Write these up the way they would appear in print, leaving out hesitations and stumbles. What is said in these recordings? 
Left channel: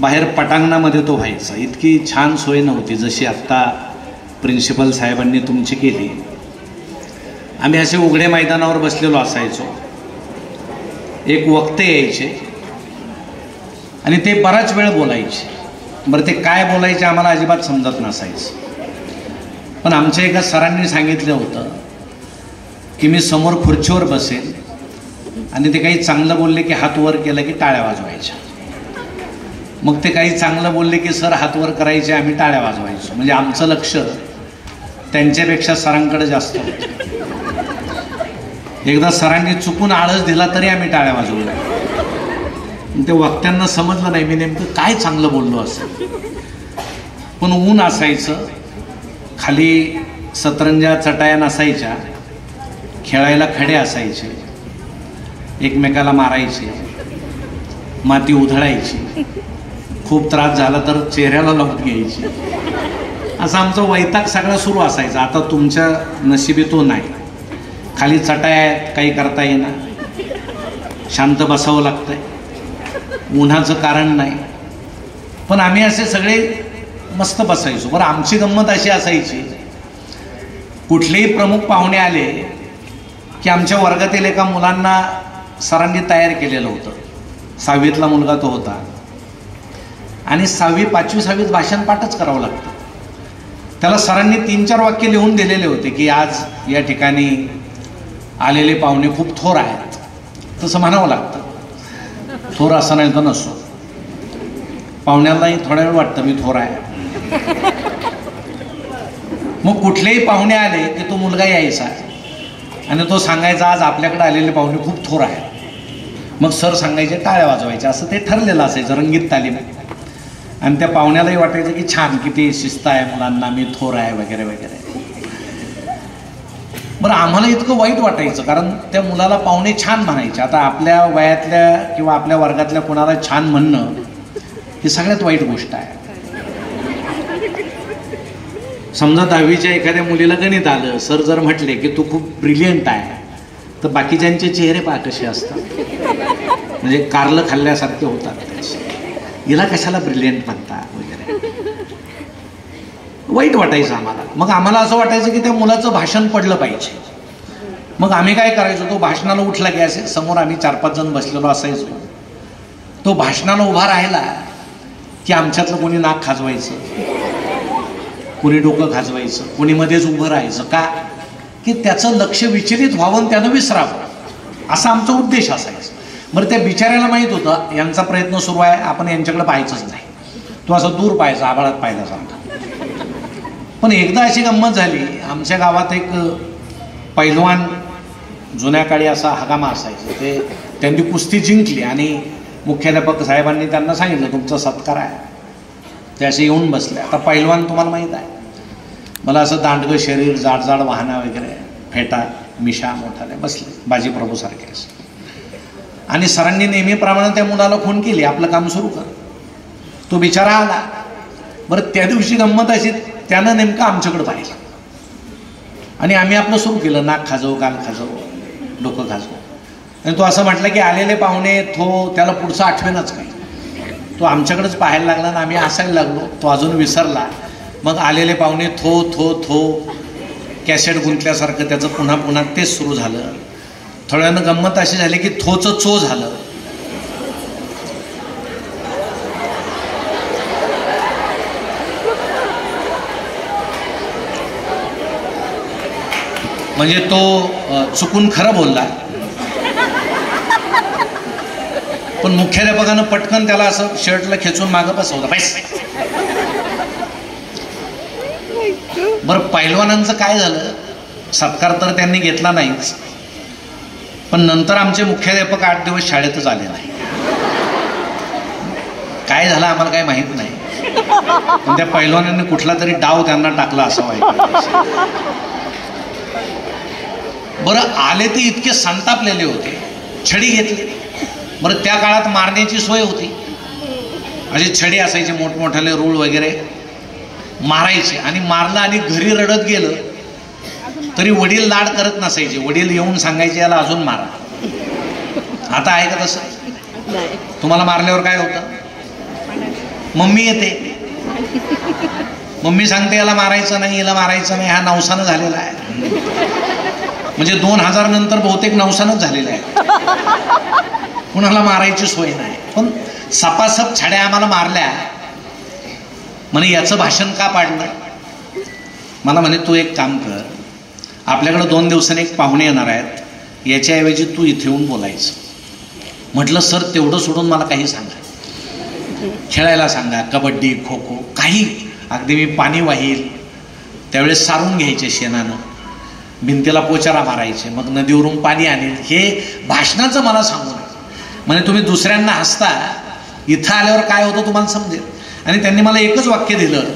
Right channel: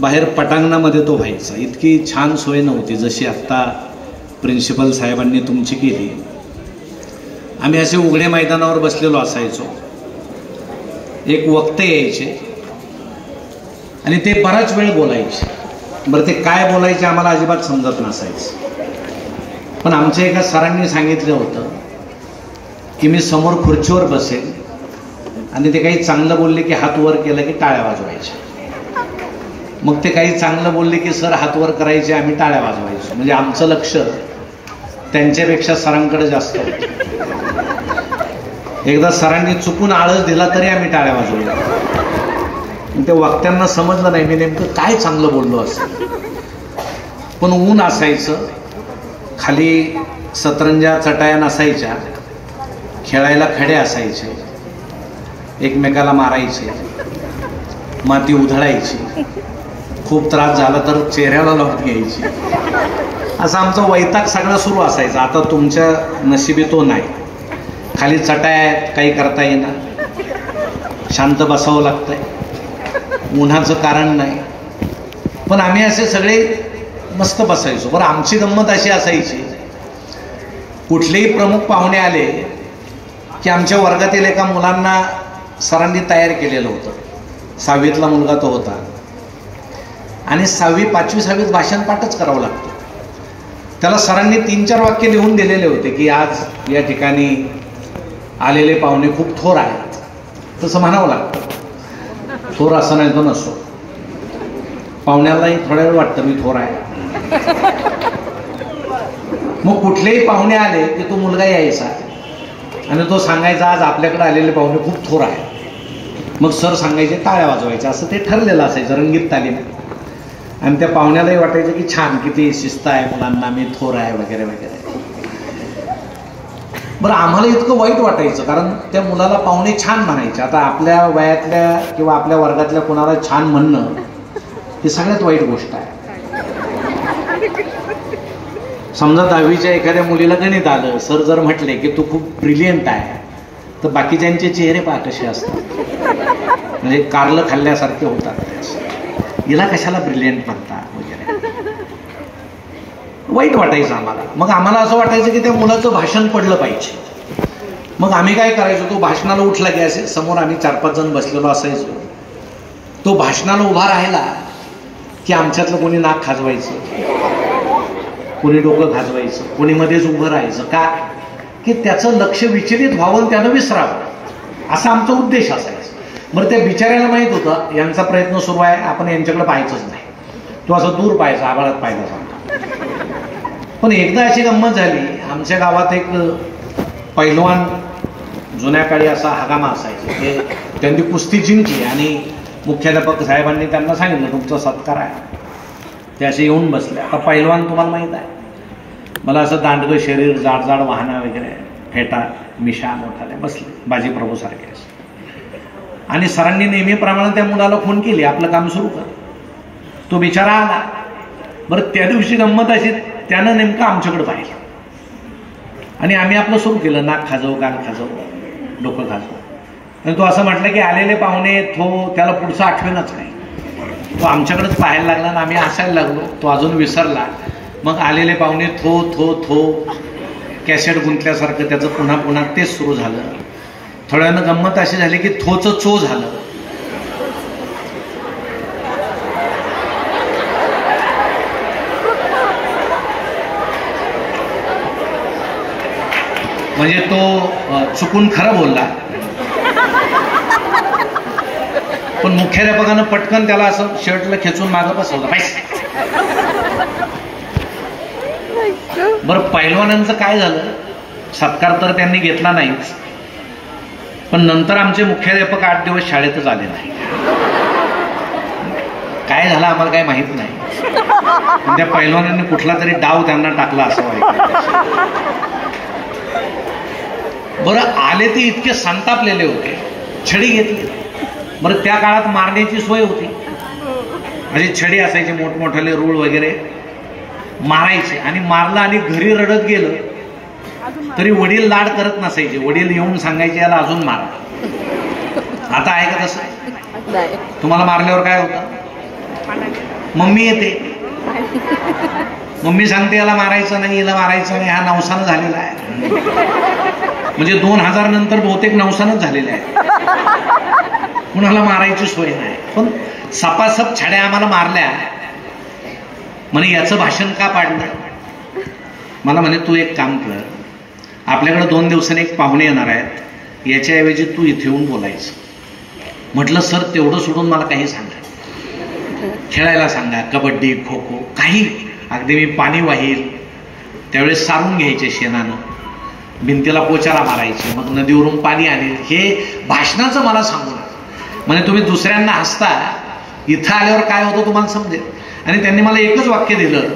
बाहेर पटांगणामध्ये तो व्हायचा. इतकी छान सोय नव्हती जशी आत्ता प्रिन्सिपल साहेबांनी तुमची केली. आम्ही असे उघडे मैदानावर बसलेलो असायचो. एक वक्ते यायचे आणि ते बराच वेळ बोलायचे. बरं ते काय बोलायचे आम्हाला अजिबात समजत नसायचं. पण आमच्या एका सरांनी सांगितलं होतं की मी समोर खुर्चीवर बसेल आणि ते काही चांगलं बोलले की हात वर केलं की टाळ्या वाजवायच्या. मग ते काही चांगलं बोलले की सर हात वर करायचे, आम्ही टाळ्या वाजवायचो. म्हणजे आमचं लक्ष त्यांच्यापेक्षा सरांकडे जास्त होतं. एकदा सरांनी चुकून आळस दिला तरी आम्ही टाळ्या वाजवल्या. ते वक्त्यांना समजलं नाही मी नेमकं काय चांगलं बोललो असेल. पण ऊन असायचं, खाली सतरंजा चटाया नसायच्या, खेळायला खडे असायचे, एकमेकाला मारायचे, माती उधळायची, खूप त्रास झाला तर चेहऱ्याला लावून घ्यायची. असं आमचं वैताग सगळा सुरू असायचा. आता तुमच्या नशिबी तो नाही. खाली चटाया काही करता येणार, शांत बसावं लागतंय, उन्हाचं कारण नाही. पण आम्ही असे सगळे मस्त बसायचो. बरं आमची गंमत अशी असायची, कुठलेही प्रमुख पाहुणे आले की आमच्या वर्गातील एका मुलांना सरांनी तयार केलेलं होतं. 6वीतला मुलगा तो होता आणि 6वी 5वी 6वीत भाषण पाठच करावं लागतं. त्याला सरांनी 3-4 वाक्य लिहून दिलेले होते की आज या ठिकाणी आलेले पाहुणे खूप थोर आहेत. तसं म्हणावं लागतं. थोर असं नाही तर नसो, पाहुण्यालाही थोडा वेळ वाटतं मी थोर आहे. मग कुठलेही पाहुणे आले की तो मुलगा यायचा आणि तो सांगायचा आज आपल्याकडे आलेले पाहुणे खूप थोर आहे. मग सर सांगायचे टाळ्या वाजवायच्या. असं ते ठरलेलं असायचं, रंगीत तालीम. आणि त्या पाहुण्यालाही वाटायचं की छान, किती शिस्त आहे मुलांना, मी थोर आहे वगैरे वगैरे. बरं आम्हाला इतकं वाईट वाटायचं कारण त्या मुलाला पाहुणे छान म्हणायचे. आता आपल्या वयातल्या किंवा आपल्या वर्गातल्या कोणाला छान म्हणणं ही सगळ्यात वाईट गोष्ट आहे. समजा 10वीच्या एखाद्या मुलीला गणित आलं, सर जर म्हटले की तू खूप ब्रिलियंट आहे, तर बाकीच्यांचे चेहरे पहा कसे असतात, म्हणजे कारलं खाल्ल्यासारखे होतात. हिला कशाला ब्रिलियंट म्हणतात वगैरे, वाईट वाटायचं आम्हाला. मग आम्हाला असं वाटायचं की त्या मुलाचं भाषण पडलं पाहिजे. मग आम्ही काय करायचो, तो भाषणाला उठला की असे समोर आम्ही 4-5 जण बसलेलो असायचो. तो भाषणाला उभा राहिला की आमच्यातलं कोणी नाक खाजवायचं, कोणी डोकं खाजवायचं, कोणी मध्येच उभं राहायचं. का की त्याचं लक्ष विचलित व्हावं, त्यानं विसरावं, असा आमचा उद्देश असायचा. बरं त्या बिचाऱ्याला माहीत होतं यांचा प्रयत्न सुरू आहे, आपण यांच्याकडे पाहायचंच नाही. तो असं दूर पाहायचा, आभाळात पाहिला सांगता. पण एकदा अशी गंमत झाली, आमच्या गावात एक पैलवान, जुन्या काळी असा हगामा असायचा, ते त्यांनी कुस्ती जिंकली आणि मुख्याध्यापक साहेबांनी त्यांना सांगितलं तुमचा सत्कार आहे. ते असे येऊन बसले. आता पैलवान तुम्हाला माहीत आहे, मला असं दांडगं शरीर, जाड जाड वाहना वगैरे, फेटा मिशा मोठाले, बसले बाजीप्रभू सारखे. आणि सरांनी नेहमीप्रमाणे त्या मुलाला फोन केली, आपलं काम सुरू कर. तो बिचारा आला. बरं त्या दिवशी गंमत अशी, त्यानं नेमकं आमच्याकडे पाहिलं आणि आम्ही आपलं सुरू केलं, नाक खाजव, कान खाजव, डोकं खाजव. आणि तो असं म्हटलं की आलेले पाहुणे, त्याला पुढचं आठवेनच काही. तो आमच्याकडेच पाहायला लागला आणि आम्ही हसायला लागलो. तो अजून विसरला. मग आलेले पाहुणे थो कॅसेट गुंतल्यासारखं त्याचं पुन्हा पुन्हा तेच सुरू झालं. थोड्या वेळानं गंमत अशी झाली की थोचं चो झालं. म्हणजे तो चुकून खरं बोलला, पण मुख्याध्यापकानं पटकन त्याला असं शर्टला खेचून मागं बसवलं. बरं पैलवानांचं काय झालं, सत्कार तर त्यांनी घेतला नाहीच, पण नंतर आमचे मुख्याध्यापक 8 दिवस शाळेतच आले नाही. काय झालं आम्हाला काही माहित नाही, पण त्या पैलवानांनी कुठला तरी डाव त्यांना टाकला असं व्हायचं. बरं आले ते इतके संतापलेले होते, छडी घेतली. बरं त्या काळात मारण्याची सोय होती, असे छडी असायचे मोठमोठाले, रूळ वगैरे, मारायचे. आणि मारलं आणि घरी रडत गेलं तरी वडील लाड करत नसायचे. वडील येऊन सांगायचे याला अजून मारा. आता आहे का तसं? तुम्हाला मारल्यावर काय होतं? मम्मी येते, मम्मी सांगते याला मारायचं नाही, याला मारायचं नाही, हा नवसानं झालेला आहे. म्हणजे 2000 नंतर बहुतेक नवसानच झालेला आहे, कुणाला मारायची सोय नाही. पण सपासप छड्या आम्हाला मारल्या. म्हणे याचं भाषण का पाडलं? मला म्हणे तू एक काम कर, आपल्याकडे 2 दिवसांनी एक पाहुणे येणार आहेत, याच्याऐवजी तू इथे येऊन बोलायचं. म्हटलं सर तेवढं सोडून मला काही सांगा, खेळायला सांगा, कबड्डी खो खो काही. अगदी मी पाणी वाहील त्यावेळेस सारून घ्यायचे शेणानं, भिंतीला पोचारा मारायचे, मग नदीवरून पाणी आणेल, हे भाषणाचं मला सांगू. म्हणजे तुम्ही दुसऱ्यांना हसता, इथं आल्यावर काय होतं तुम्हाला समजेल. आणि त्यांनी मला एकच वाक्य दिलं,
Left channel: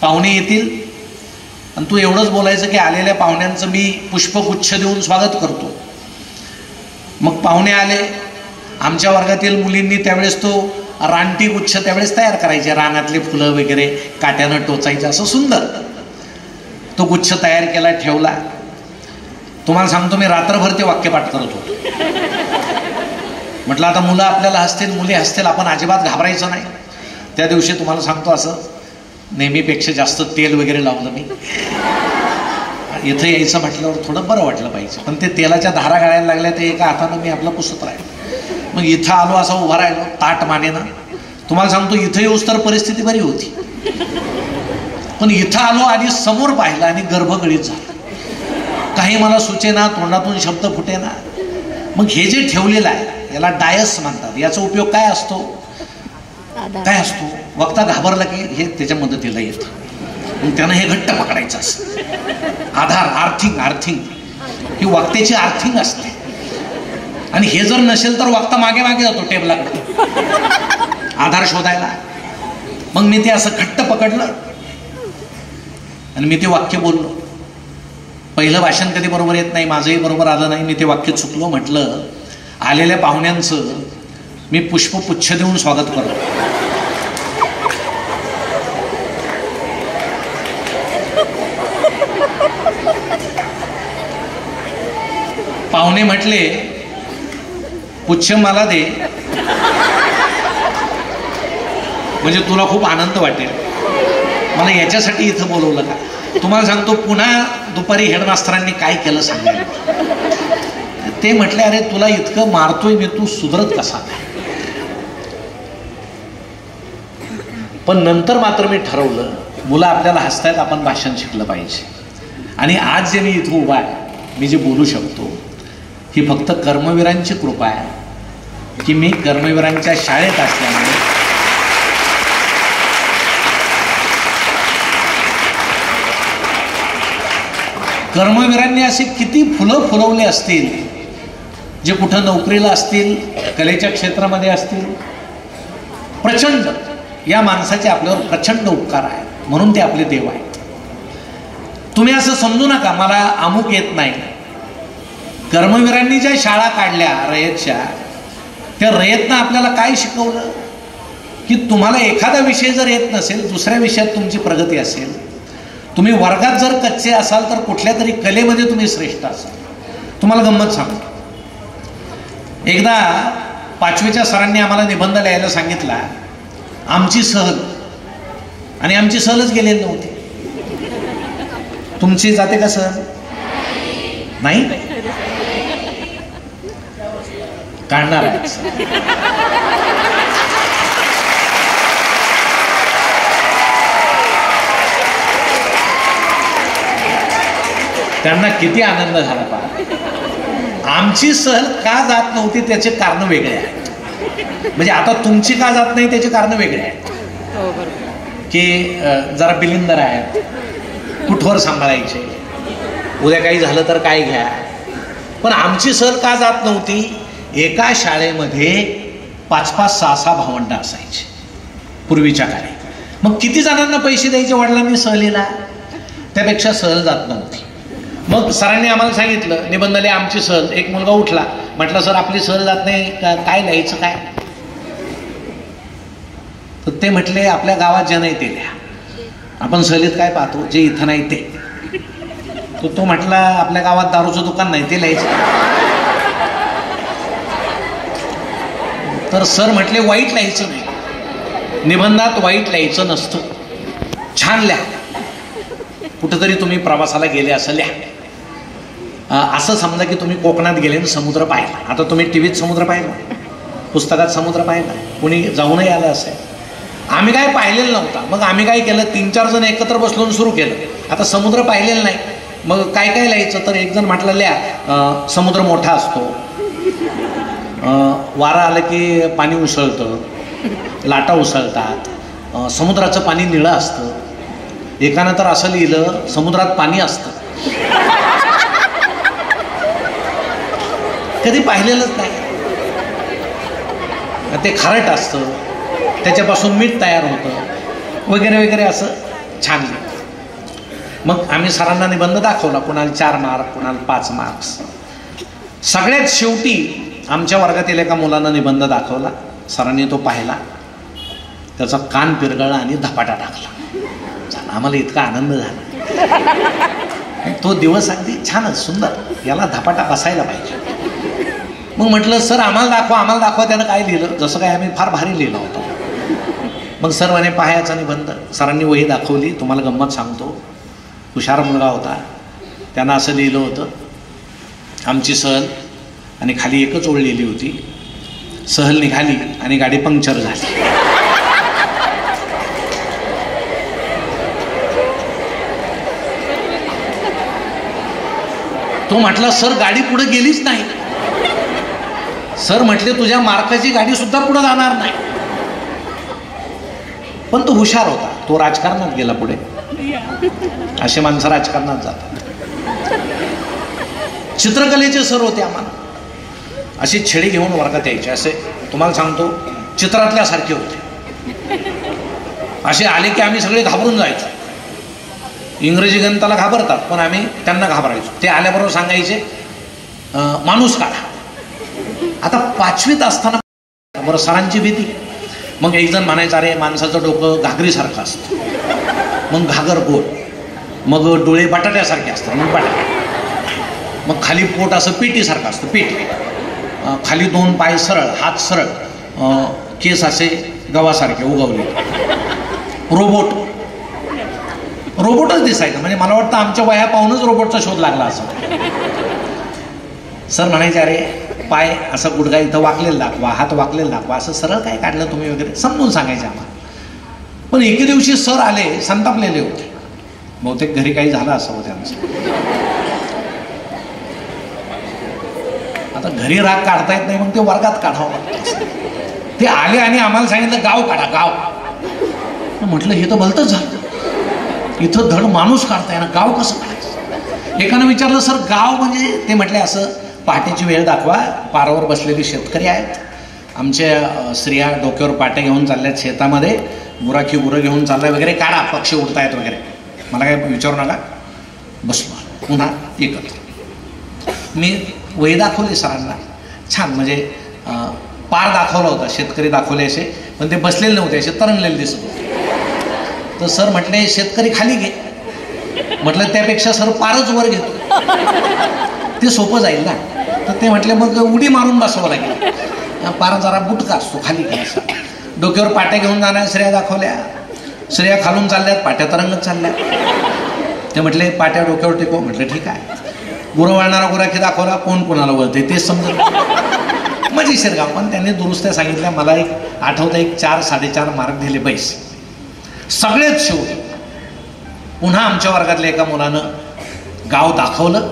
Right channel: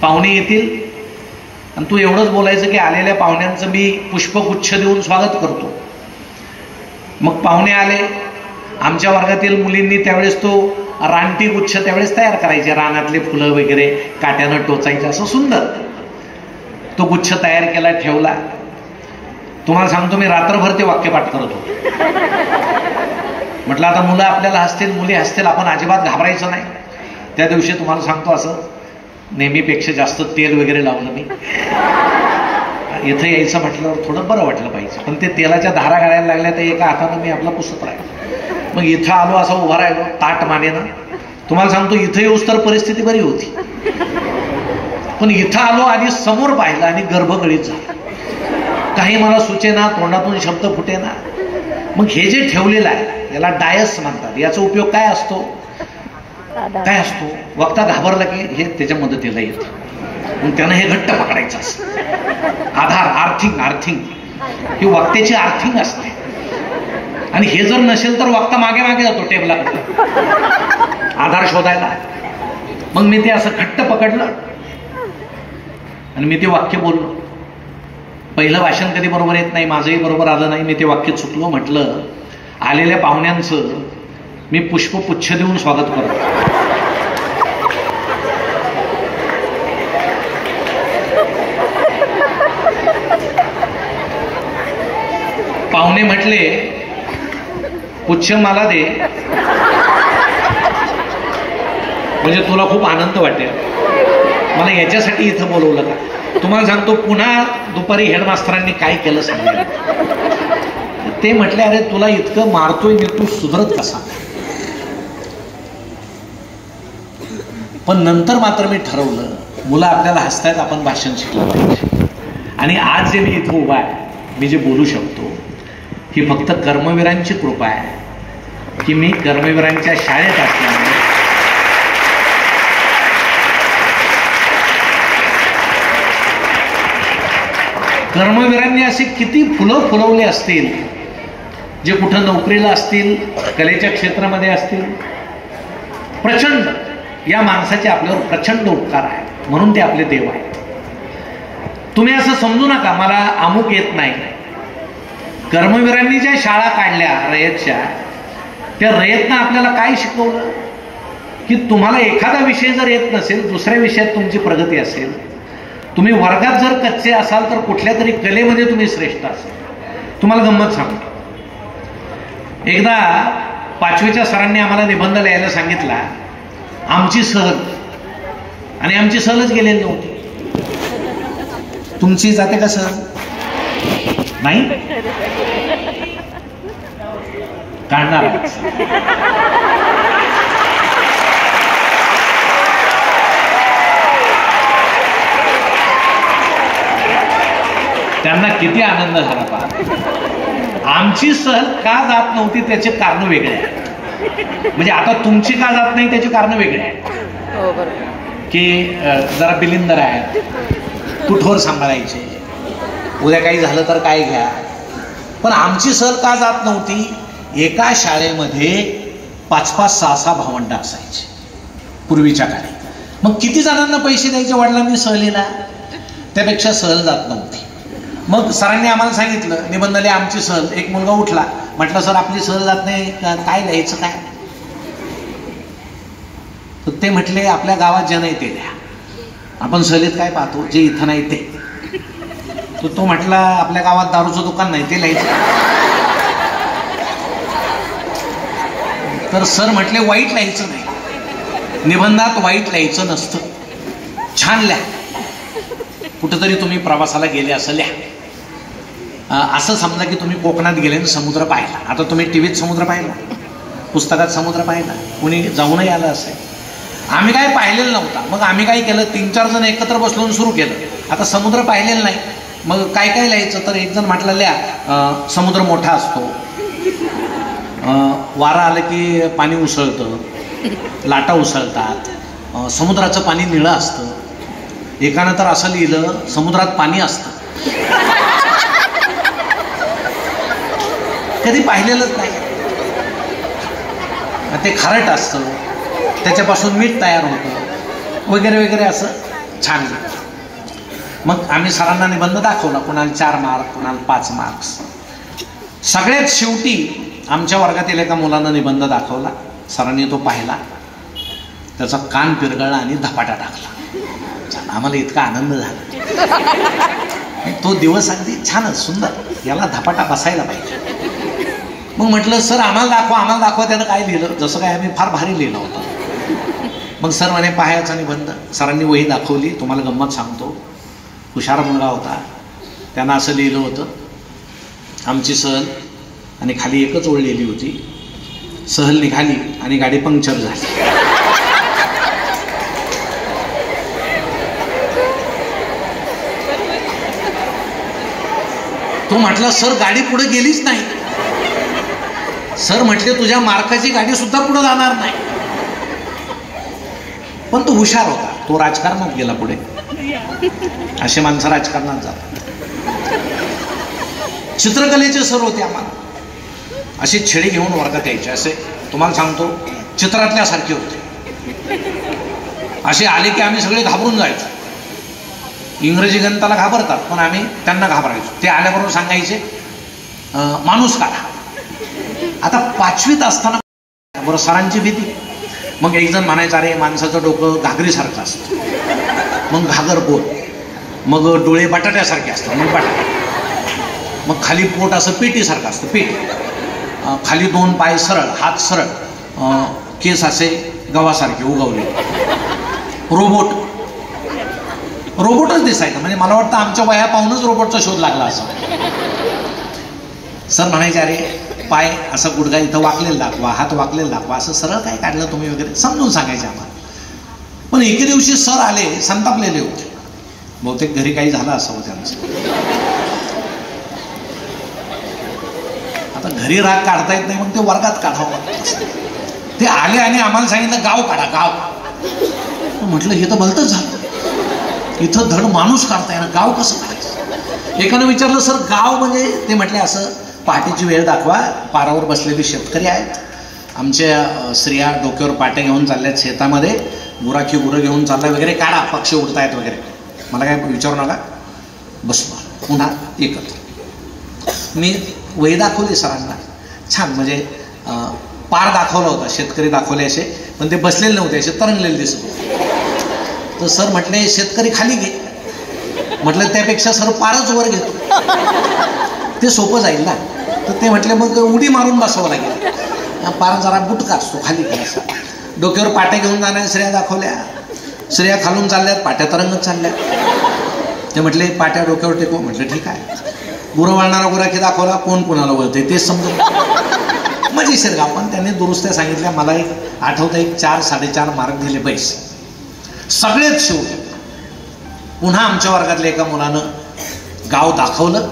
पाहुणे येतील आणि तू एवढंच बोलायचं की आलेल्या पाहुण्यांचं मी पुष्पगुच्छ देऊन स्वागत करतो. मग पाहुणे आले, आमच्या वर्गातील मुलींनी त्यावेळेस तो रानटी गुच्छ त्यावेळेस तयार करायचे, रानातली फुलं वगैरे काट्यानं टोचायचं, असं सुंदर तो गुच्छ तयार केला, ठेवला. तुम्हाला सांगतो मी रात्रभर ते वाक्यपाठ करत होतो. म्हटलं आता मुलं आपल्याला हसतील, मुली हसतील, आपण अजिबात घाबरायचं नाही. त्या दिवशी तुम्हाला सांगतो असं नेहमीपेक्षा जास्त तेल वगैरे लावलं मी. इथं यायचं म्हटल्यावर थोडं बरं वाटलं पाहिजे, पण ते तेलाच्या धारा गाळायला लागल्या, तर एका हातानं मी आपला पुसत राहिलो. मग इथं आलो, असं उभा राहिलो ताट मानेनं. तुम्हाला सांगतो इथं येऊस तर परिस्थिती बरी होती, पण इथं आलो आणि समोर पाहिलं आणि गर्भगळीत झालं. काही मला सुचेना, तोंडातून शब्द फुटेना. मग हे जे ठेवलेलं आहे याला डायस म्हणतात. याचा उपयोग काय असतो? काय असतो? वक्ता घाबरला की हे त्याच्या मदतीला येतं. मग त्यानं हे घट्ट पकडायचं असतं. आधार, आर्थिंग ही वक्त्याची आर्थिंग असते. आणि हे जर नसेल तर वक्ता मागे मागे जातो टेबलाकडे आधार शोधायला. मग मी ते असं घट्ट पकडलं आणि मी ते वाक्य बोललो. पहिलं भाषण कधी बरोबर येत नाही, माझंही बरोबर आलं नाही, मी ते वाक्य चुकलो. म्हटलं आलेल्या पाहुण्यांचं मी पुष्पपुच्छ देऊन स्वागत करतो. पाहुणे म्हटले पुच्छ मला दे, म्हणजे तुला खूप आनंद वाटेल. मला याच्यासाठी इथं बोलवलं का? तुम्हाला सांगतो पुन्हा दुपारी हेडमास्तरांनी काय केलं सांगायला. ते म्हटले अरे तुला इतकं मारतोय मी, तू सुधरत कसा? पण नंतर मात्र मी ठरवलं, मुलं आपल्याला हसतायत, आपण भाषण शिकलं पाहिजे. आणि आज जे मी इथं उभा आहे, मी जे बोलू शकतो, ही फक्त कर्मवीरांची कृपा आहे की मी कर्मवीरांच्या शाळेत असल्यामुळे कर्मवीरांनी असे किती फुलं फुलवले असतील, जे कुठं नोकरीला असतील, कलेच्या क्षेत्रामध्ये असतील. प्रचंड या माणसाचे आपल्यावर प्रचंड उपकार आहेत, म्हणून ते आपले देव आहेत. तुम्ही असं समजू नका मला अमुक येत नाही. कर्मवीरांनी ज्या शाळा काढल्या रयतच्या, त्या रयतनं आपल्याला काय शिकवलं की तुम्हाला एखादा विषय जर येत नसेल, दुसऱ्या विषयात तुमची प्रगती असेल, तुम्ही वर्गात जर कच्चे असाल तर कुठल्या तरी कलेमध्ये तुम्ही श्रेष्ठ असाल. तुम्हाला गंमत सांगतो, एकदा 5वीच्या सरांनी आम्हाला निबंध लिहायला सांगितला, आमची सहल, आणि आमची सहलच गेलेली नव्हती. तुमची जाते का सहल? नाही काढणार. त्यांना किती आनंद झाला पहा. आमची सहल का जात नव्हती त्याचे कारण वेगळे आहे. म्हणजे आता तुमची का जात नाही त्याचे कारण वेगळे आहे की जरा बिलिंदर आहेत, कुठवर सांभाळायचे, उद्या काही झालं तर काय घ्या. पण आमची सहल का जात नव्हती? एका शाळेमध्ये 5-5, 6-6 भावंड असायचे पूर्वीच्या काळी. मग किती जणांना पैसे द्यायचे वडिलांनी सहलीला? त्यापेक्षा सहल जात नव्हती. मग सरांनी आम्हाला सांगितलं निबंध लिहा आमची सहल. एक मुलगा उठला, म्हटलं सर आपली सहल जात नाही, काय लिहायचं काय? तर ते म्हटले आपल्या गावात जे नाही ते लिहा. आपण सहलीत काय पाहतो, जे इथं नाही ते. तर तो म्हटला आपल्या गावात दारूचं दुकान नाही, ते लिहायचं. तर सर म्हटले वाईट लिहायचं नाही. निबंधात वाईट लिहायचं नसतं, छान लिहा. कुठंतरी तुम्ही प्रवासाला गेले असं लिहा. असं समजा की तुम्ही कोकणात गेले आणि समुद्र पाहिला. आता तुम्ही टीव्हीत समुद्र पाहिला, पुस्तकात समुद्र पाहिला, कुणी जाऊनही आलं असेल. आम्ही काय पाहिलेलं नव्हता. मग आम्ही काय केलं, 3-4 जण एकत्र बसलून सुरू केलं. आता समुद्र पाहिलेलं नाही, मग काय काय लिहायचं. तर एक जण म्हटलं लिहा समुद्र मोठा असतो, वारा आलं की पाणी उसळतं, लाटा उसळतात, समुद्राचं पाणी निळं असतं. एकानं तर असं लिहिलं समुद्रात पाणी असतं. कधी पाहिलेलंच नाही. ते खारट असतं, त्याच्यापासून मीठ तयार होतं वगैरे वगैरे असं छान लिहिलं. मग आम्ही सरांना निबंध दाखवला, कुणाला 4 मार्क, कुणाला 5 मार्क्स. सगळ्यात शेवटी आमच्या वर्गातील एका मुलानं निबंध दाखवला. सरांनी तो पाहिला, त्याचा कान पिरगळला आणि धपाटा टाकला. आम्हाला इतका आनंद झाला. तो दिवस अगदी छानच सुंदर, याला धपाटा असायला पाहिजे. मग म्हटलं सर आम्हाला दाखवा त्यानं काय लिहिलं. जसं काय आम्ही फार भारी लिहिलं होतं. मग सर म्हणे पाहायचा निबंध. सरांनी वही दाखवली. तुम्हाला गंमत सांगतो, हुशार मुलगा होता. त्यानं असं लिहिलं होतं, आमची सहल, आणि खाली एकच ओळ लिहिली होती, सहल निघाली आणि गाडी पंक्चर झाली. तो म्हटला सर गाडी पुढे गेलीच नाही. सर म्हटले तुझ्या मार्काची गाडी सुद्धा पुढे जाणार नाही. पण तो हुशार होता, तो राजकारणात गेला पुढे. असे माणसं राजकारणात जातात. चित्रकलेचे सर होते आम्हाला, असे छेडे घेऊन वर्गात यायचे. असे तुम्हाला सांगतो चित्रातल्यासारखे होते. असे आले की आम्ही सगळे घाबरून जायचो. इंग्रजी गणिताला घाबरतात, पण आम्ही त्यांना घाबरायचो. ते आल्याबरोबर सांगायचे माणूस काढा. आता 5वीत असताना बरं सरांची भीती. मग एक जण म्हणायचं अरे माणसाचं डोकं घागरीसारखं असतं, मग घागर गोल, मग डोळे बटाट्यासारखे असतात, मग बटाटा, मग खाली पोट असं पेटीसारखं असतं, पेटी, खाली 2 पाय सरळ, हात सरळ, केस असे गव्हासारखे उगवले. रोबोटच दिसायचं. म्हणजे मला वाटतं आमच्या वया पाहूनच रोबोटचा शोध लागला असं. सर म्हणायचे अरे पाय असं गुडघा इथं वाकलेला दाखवा, हात वाकलेला दाखवा, असं सरळ काय काढलं तुम्ही वगैरे समजून सांगायचे आम्हाला. पण एके दिवशी सर आले, संतापलेले होते. बहुतेक घरी काही झालं असावं त्यांचं. आता घरी राग काढता येत नाही, मग ते वर्गात काढावं लागतं. ते आले आणि आम्हाला सांगितलं गाव काढा, गाव. म्हटलं हे तर भलतंच झालं, इथं धड माणूस काढताय ना, गाव कसं काढायचं. एकानं विचारलं सर गाव म्हणजे. ते म्हटले असं पहाटेची वेळ दाखवा, पारावर बसलेले शेतकरी आहेत, आमच्या स्त्रिया डोक्यावर पाटे घेऊन चालल्यात शेतामध्ये, गुराखी गुरं घेऊन चाललाय वगैरे, काढा पक्षी उडतायत वगैरे. मला काय विचारू नका, बसवा. पुन्हा एकत्र मी वही दाखवली सरांना. छान म्हणजे पार दाखवला होता, शेतकरी दाखवले असे, पण ते बसलेले नव्हते, असे तरंगलेले दिसत होते. तर सर म्हटले शेतकरी खाली घे. म्हटलं त्यापेक्षा सर पारच वर घेतो, ते सोपं जाईल ना. तर ते म्हटले मग उडी मारून बसावं लागेल, पार जरा बुटका असतो, खाली घ्यायचा. डोक्यावर पाट्या घेऊन जाण्या स्त्रिया दाखवल्या. स्त्रिया खालून चालल्यात, पाट्या तरंगत चालल्या. ते म्हटले पाट्या डोक्यावर टेकव. म्हटलं ठीक आहे. गुरं वाळणारा गुराखी दाखवला, कोण कोणाला वळते तेच समजलं. मजेशीर गाव. पण त्यांनी दुरुस्त्या सांगितल्या. मला एक आठवतं, एक 4-4.5 मार्क दिले पैसे. सगळेच शेवटी पुन्हा आमच्या वर्गातल्या एका मुलानं गाव दाखवलं.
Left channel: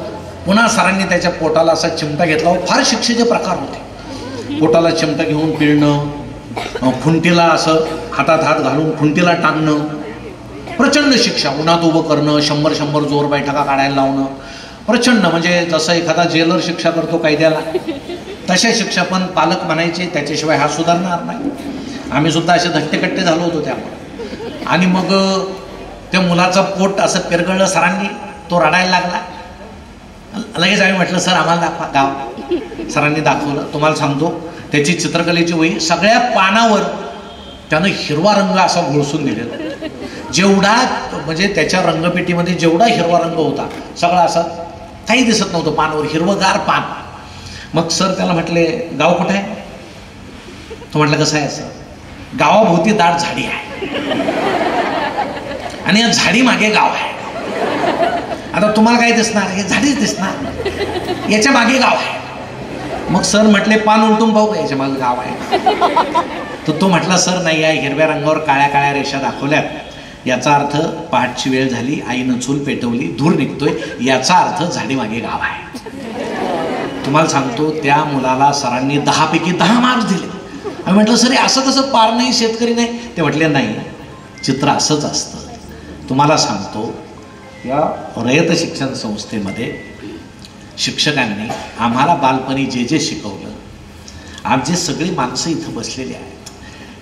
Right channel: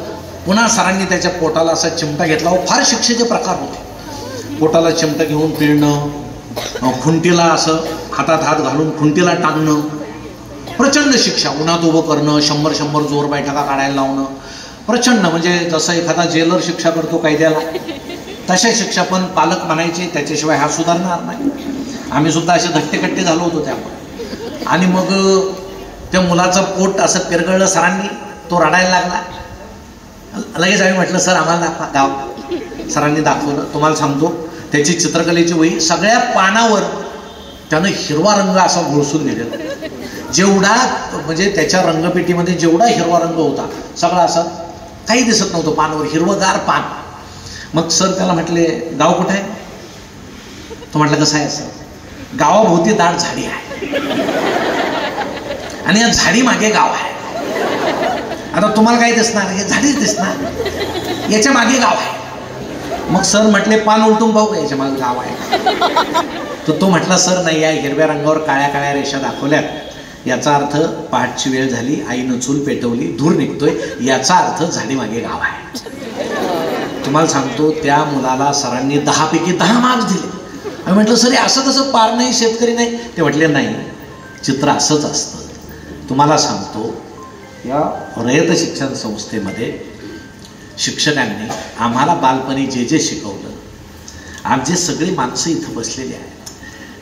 पुन्हा सरांनी त्याच्या पोटाला असा चिमटा घेतला. फार शिक्षेचे प्रकार होते. पोटाला चिमटा घेऊन पिळणं, खुंटीला असं हातात हात घालून खुंटीला टांगणं, प्रचंड शिक्षा. उन्हात उभं करणं, 100 जोर बैठका काढायला लावणं, प्रचंड. म्हणजे जसं एखादा जेलर शिक्षा करतो कायद्याला, तशा शिक्षा. पण पालक म्हणायचे त्याच्याशिवाय हा सुधारणार नाही. आम्ही सुद्धा असे धट्टेकट्टे झालो होतो त्यामुळे. आणि मग त्या मुलाचं पोट असं पिरगळलं सरांनी, तो रडायला लागला. लगेच आम्ही म्हटलं सर आम्हाला दाखवा गाव. सरांनी दाखवलं. तुम्हाला सांगतो त्याची चित्रकलेची वही, सगळ्या पानावर त्यानं हिरवा रंग असा घोळसून दिलेला. जेवढा म्हणजे त्याच्या रंगपेटीमध्ये जेवढा हिरवा रंग होता सगळा असा, काही दिसत नव्हतं पानावर, हिरवगार पान. मग सर त्याला म्हटले गाव कुठं आहे. तो म्हटलं कसं आहे असं. गावाभोवती दाट झाडी आहे आणि या झाडी मागे गाव आहे. आता तुम्हाला काय दिसणार? हे झाडीच दिसणार, याच्या मागे गाव आहे. मग सर म्हटले पान उलटून पाहू का, याच्या मागे गाव आहे. तर तो म्हटला सर नाही, या हिरव्या रंगावर काळ्या काळ्या रेषा दाखवल्यात, याचा अर्थ पहाटची वेळ झाली, आईनं चूल पेटवली, धूर निघतोय, याचा अर्थ झाडी मागे गाव आहे. तुम्हाला सांगतो त्या मुलाला सरांनी 10 पैकी 10 मार्क्स दिले. मी म्हटलं सर असं कसं, पार नाही, शेतकरी नाही? ते म्हटले नाही, चित्र असंच असतं. तुम्हाला सांगतो या रयत शिक्षण संस्थेमध्ये शिक्षकांनी आम्हाला बालपणी जे जे शिकवलं, आज जे सगळी माणसं इथं बसलेली आहेत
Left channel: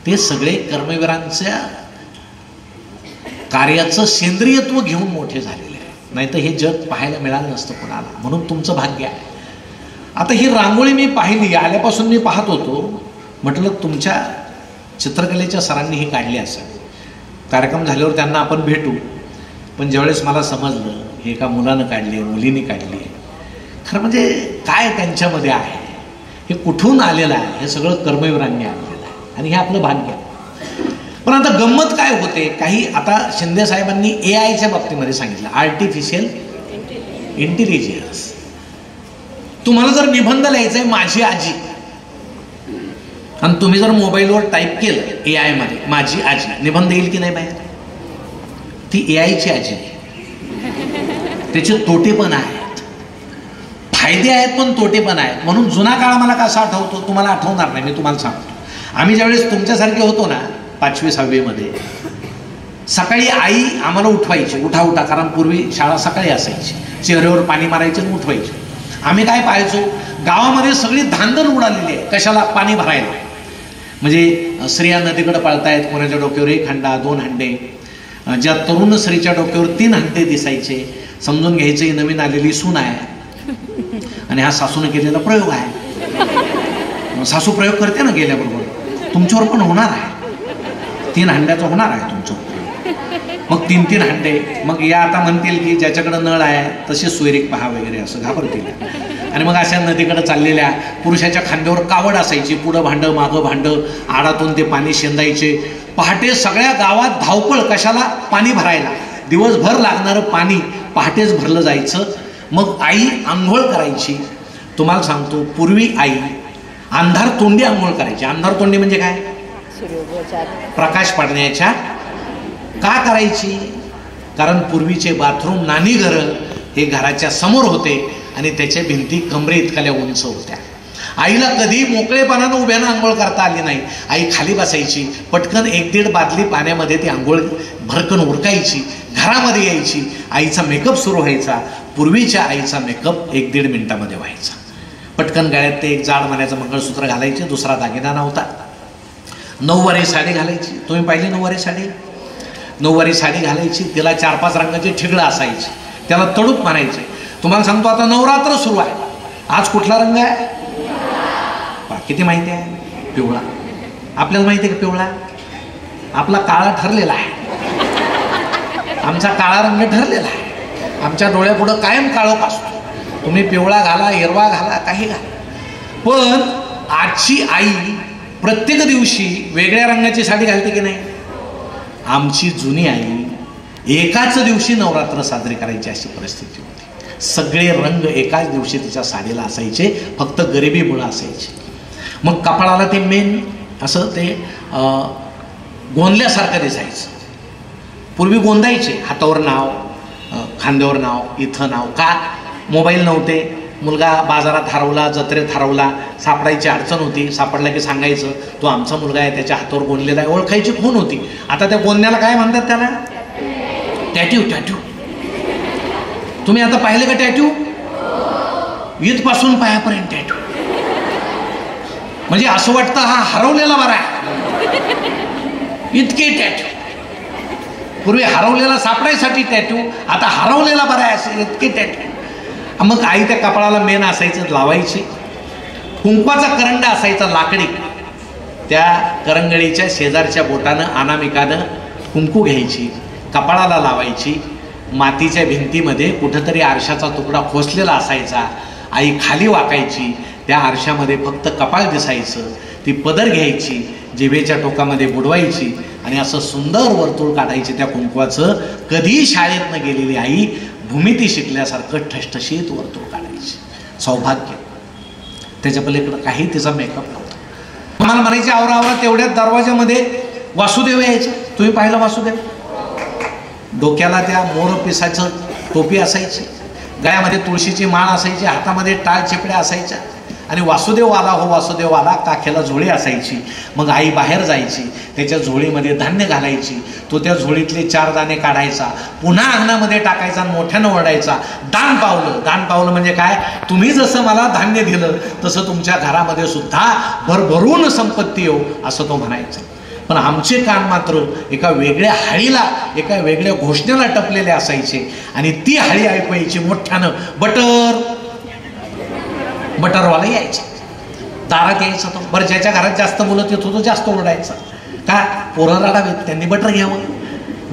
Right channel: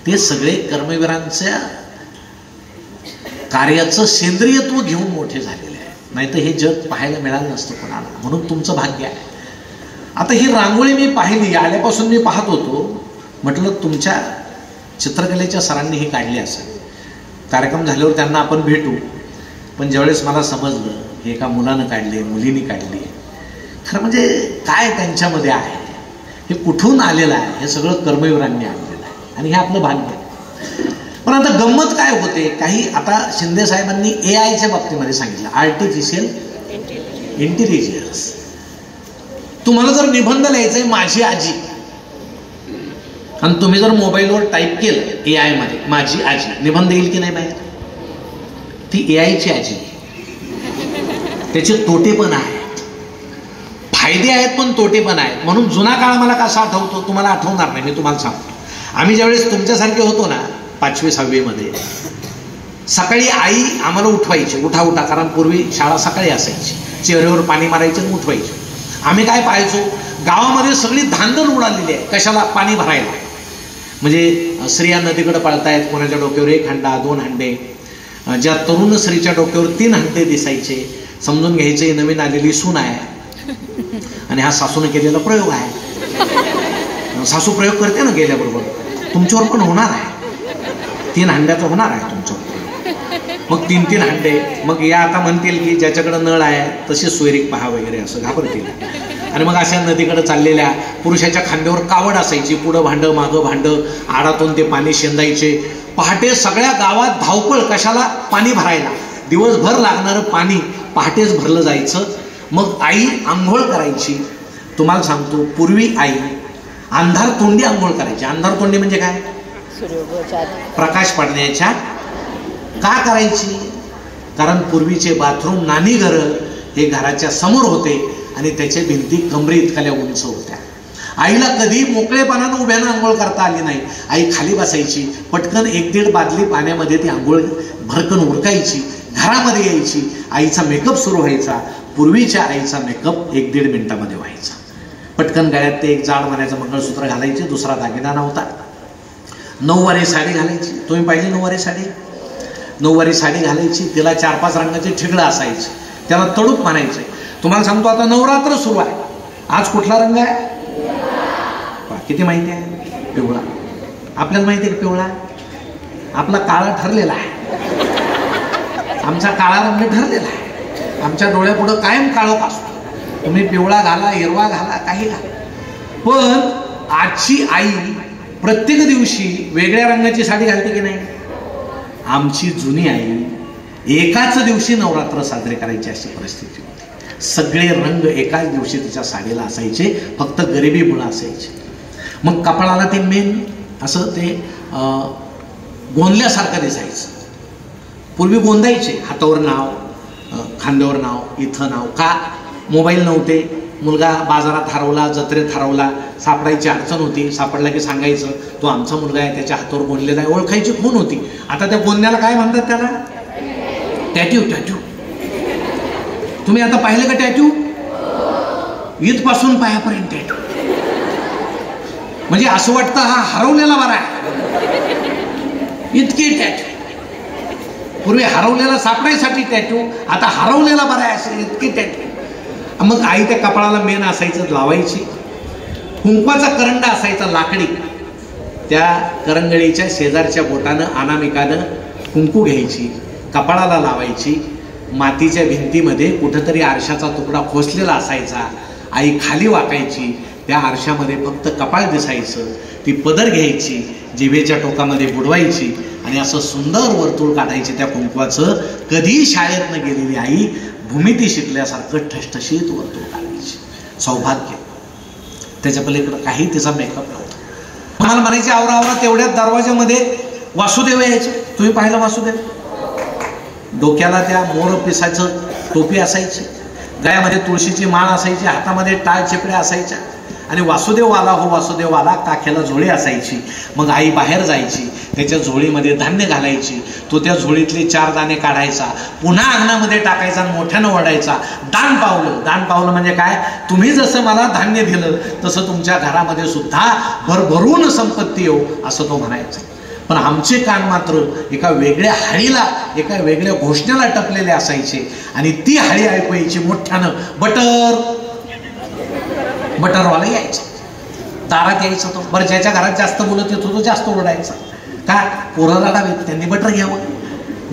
ते सगळे कर्मवीरांच्या कार्याचं सेंद्रियत्व घेऊन मोठे झालेले आहे. नाहीतर हे जग पाहायला मिळालं नसतं कोणाला. म्हणून तुमचं भाग्य आहे. आता ही रांगोळी मी पाहिली, आल्यापासून मी पाहत होतो, म्हटलं तुमच्या चित्रकलेच्या सरांनी ही काढली असेल. कार्यक्रम झाल्यावर त्यांना आपण भेटू. पण ज्यावेळेस मला समजलं हे एका मुलानं काढले, मुलीने काढली, खरं म्हणजे काय त्यांच्यामध्ये आहे, हे कुठून आलेलं आहे, हे सगळं कर्मवीरांनी आणलेलं आहे आणि हे आपलं भाग्य. पण आता गंमत काय होते, काही आता शिंदे साहेबांनी AI बाबतीमध्ये सांगितलं, आर्टिफिशियल इंटेलिजन्स. तुम्हाला जर निबंध लिहायचा आहे माझी आजी, आणि तुम्ही जर मोबाईलवर टाईप केलं AI मध्ये माझी आजी, निबंध येईल की नाही बाहेर? ती AI ची आजी. त्याचे तोटे पण आहेत, फायदे आहेत पण तोटे पण आहेत. म्हणून जुना काळ मला कसा आठवतो तुम्हाला आठवणार नाही, मी तुम्हाला सांगतो. आम्ही ज्यावेळेस तुमच्यासारखे होतो ना 5वी 6वी मध्ये, सकाळी आई आम्हाला उठवायची, उठा उठा, कारण पूर्वी शाळा सकाळी असायची, चेहऱ्यावर पाणी मारायचं आणि उठवायचे. आम्ही काय पाहायचो, गावामध्ये सगळी धांदल उडालेली आहे, कशाला? पाणी भरायला. म्हणजे स्त्रिया नदीकडे पळतायत, कोणाच्या डोक्यावर 1 हंडा 2 हंडे, ज्या तरुण स्त्रीच्या डोक्यावर 3 हंडे दिसायचे. समजून घ्यायचे नवीन आलेली सून आहे आणि हा सासूने केलेला प्रयोग आहे. सासू प्रयोग करते ना गेल्याबरोबर, तुमच्यावर पण होणार आहे, 3 हंड्याचं होणार आहे तुमच्यावर. मग 3-3 हंडे. मग या आता म्हणतील की ज्याच्याकडे नळ आहे तसे सोयरीक पहा वगैरे, असं घाबरतील. आणि मग अशा नदीकडे चाललेल्या पुरुषाच्या खांद्यावर कावड असायची, पुढं भांडं मागं भांडं, आडातून ते पाणी शेंदायचे. पहाटे सगळ्या गावात धावपळ, कशाला? पाणी भरायला. दिवसभर लागणारं पाणी पहाटेच भरलं जायचं. मग आई आंघोळ करायची. तुम्हाला सांगतो पूर्वी आई अंधार तोंडी आंघोळ करायची. अंधार तोंडी म्हणजे काय? प्रकाश पडण्याच्या. का करायची? कारण पूर्वीचे बाथरूम, नानी घरं हे घराच्या समोर होते आणि त्याच्या भिंती कमरे इतक्या उंच होत्या. आईला कधी मोकळेपणानं उभ्यानं आंघोळ करता आली नाही. आई खाली बसायची, पटकन 1-1.5 बादली पाण्यामध्ये ती आंघोळ भरकन उरकायची, घरामध्ये यायची, आईचा मेकअप सुरू व्हायचा. पूर्वीच्या आईचा मेकअप 1-1.5 मिनिटामध्ये व्हायचा. पटकन गळ्यात ते एक जाड मण्याचं मंगळसूत्र घालायचे, दुसरा दागिना नव्हता. 9वारी साडी घालायची. तुम्ही पाहिली 9वारी साडी? 9वारी साडी घालायची, तिला 4-5 रंगाची ठिगळं असायची, त्याला तडूप म्हणायचे. तुम्हाला सांगतो आता नवरात्र सुरू आहे. आज कुठला रंग आहे? किती माहिती आहे? पिवळा. आपल्याला माहिती आहे का पिवळा? आपला काळा ठरलेला आहे, आमचा काळा रंग ठरलेला आहे. आमच्या डोळ्यापुढं कायम काळोख असतो. तुम्ही पिवळा घाला, हिरवा घाला, काही घाला. पण आजची आई प्रत्येक दिवशी वेगळ्या रंगाची साडी घालते की नाही? आमची जुनी आई एकाच दिवशी नवरात्र साजरे करायची अशी परिस्थिती होती. सगळे रंग एकाच दिवशी तिच्या साडीला असायचे, फक्त गरिबीमुळे असायचे. मग कपाळाला ते मेन असं ते गोंदल्यासारखं दिसायचं. पूर्वी गोंदायचे, हातावर नाव, खांद्यावर नाव, इथं नाव. का? मोबाईल नव्हते. मुलगा बाजारात हरवला, जत्रेत हरवला, सापडायची अडचण होती. सापडला की सांगायचं तो आमचा मुलगा आहे, त्याच्या हातावर गोंदलेला आहे, ओळखायची खूण होती. आता त्या गोंदण्याला काय म्हणतात? त्याला टॅट्यू. टॅट्यू तुम्ही आता पाहिले का टॅट्यू? इथपासून पायापर्यंत टॅट्यू. म्हणजे असं वाटतं हा हरवलेला बरा आहे, इतके टॅट्यू. पूर्वी हरवलेला सापडायसाठी टॅट्यू, आता हरवलेला बरा आहे असे इतके टॅट्यू. मग आई त्या कपाळाला मेन असायचं लावायची. कुंकवाचा करंडा असायचा लाकडी, त्या करंगळीच्या शेजारच्या बोटानं अनामिकानं कुंकू घ्यायची, कपाळाला लावायची. मातीच्या भिंतीमध्ये कुठंतरी आरशाचा तुकडा खोसलेला असायचा. आई खाली वाकायची, त्या आरशामध्ये फक्त कपाळ दिसायचं. ती पदर घ्यायची, जिभेच्या टोकामध्ये बुडवायची आणि असं सुंदर वर्तुळ काढायचे त्या कुंकवाचं. कधी शाळेतनं गेलेली आई भूमिती शिकल्यासारखं ठसठशीत वर्तुळ काढायची. सौभाग्य. त्याच्या पलीकडे काही तिचा मेकअप नव्हता. मला म्हणायचे आवरा तेवढ्या दरवाज्यामध्ये वासुदेव यायचं. तुम्ही पाहिलं वासुदेव? डोक्याला त्या मोर पिसाचं टोपी असायची, गळ्यामध्ये तुळशीची माळ असायची, हातामध्ये टाळ चिपड्या असायच्या आणि वासुदेव आला हो वासुदेव आला काखेला झोळी असायची. मग आई बाहेर जायची, त्याच्या झोळीमध्ये धान्य घालायची. तो त्या झोळीतले 4 दाणे काढायचा, पुन्हा अंगणामध्ये टाकायचा आणि मोठ्यानं ओढायचा. दान पावलं. दान पावलं म्हणजे काय? तुम्ही जसं मला धान्य दिलं तसं तुमच्या घरामध्ये सुद्धा भरभरून संपत्ती येऊ, असं तो म्हणायचा. पण आमचे कान मात्र एका वेगळ्या हाळीला, एका वेगळ्या घोषणेला टपलेले असायचे आणि ती हाळी ऐकवायची मोठ्यानं. बटरवाला यायचे, दारात यायचं. तो बरं ज्याच्या घरात जास्त बोलत येतो तो जास्त ओरडायचा. का? पोरं रडावेत, त्यांनी बटर घ्यावं.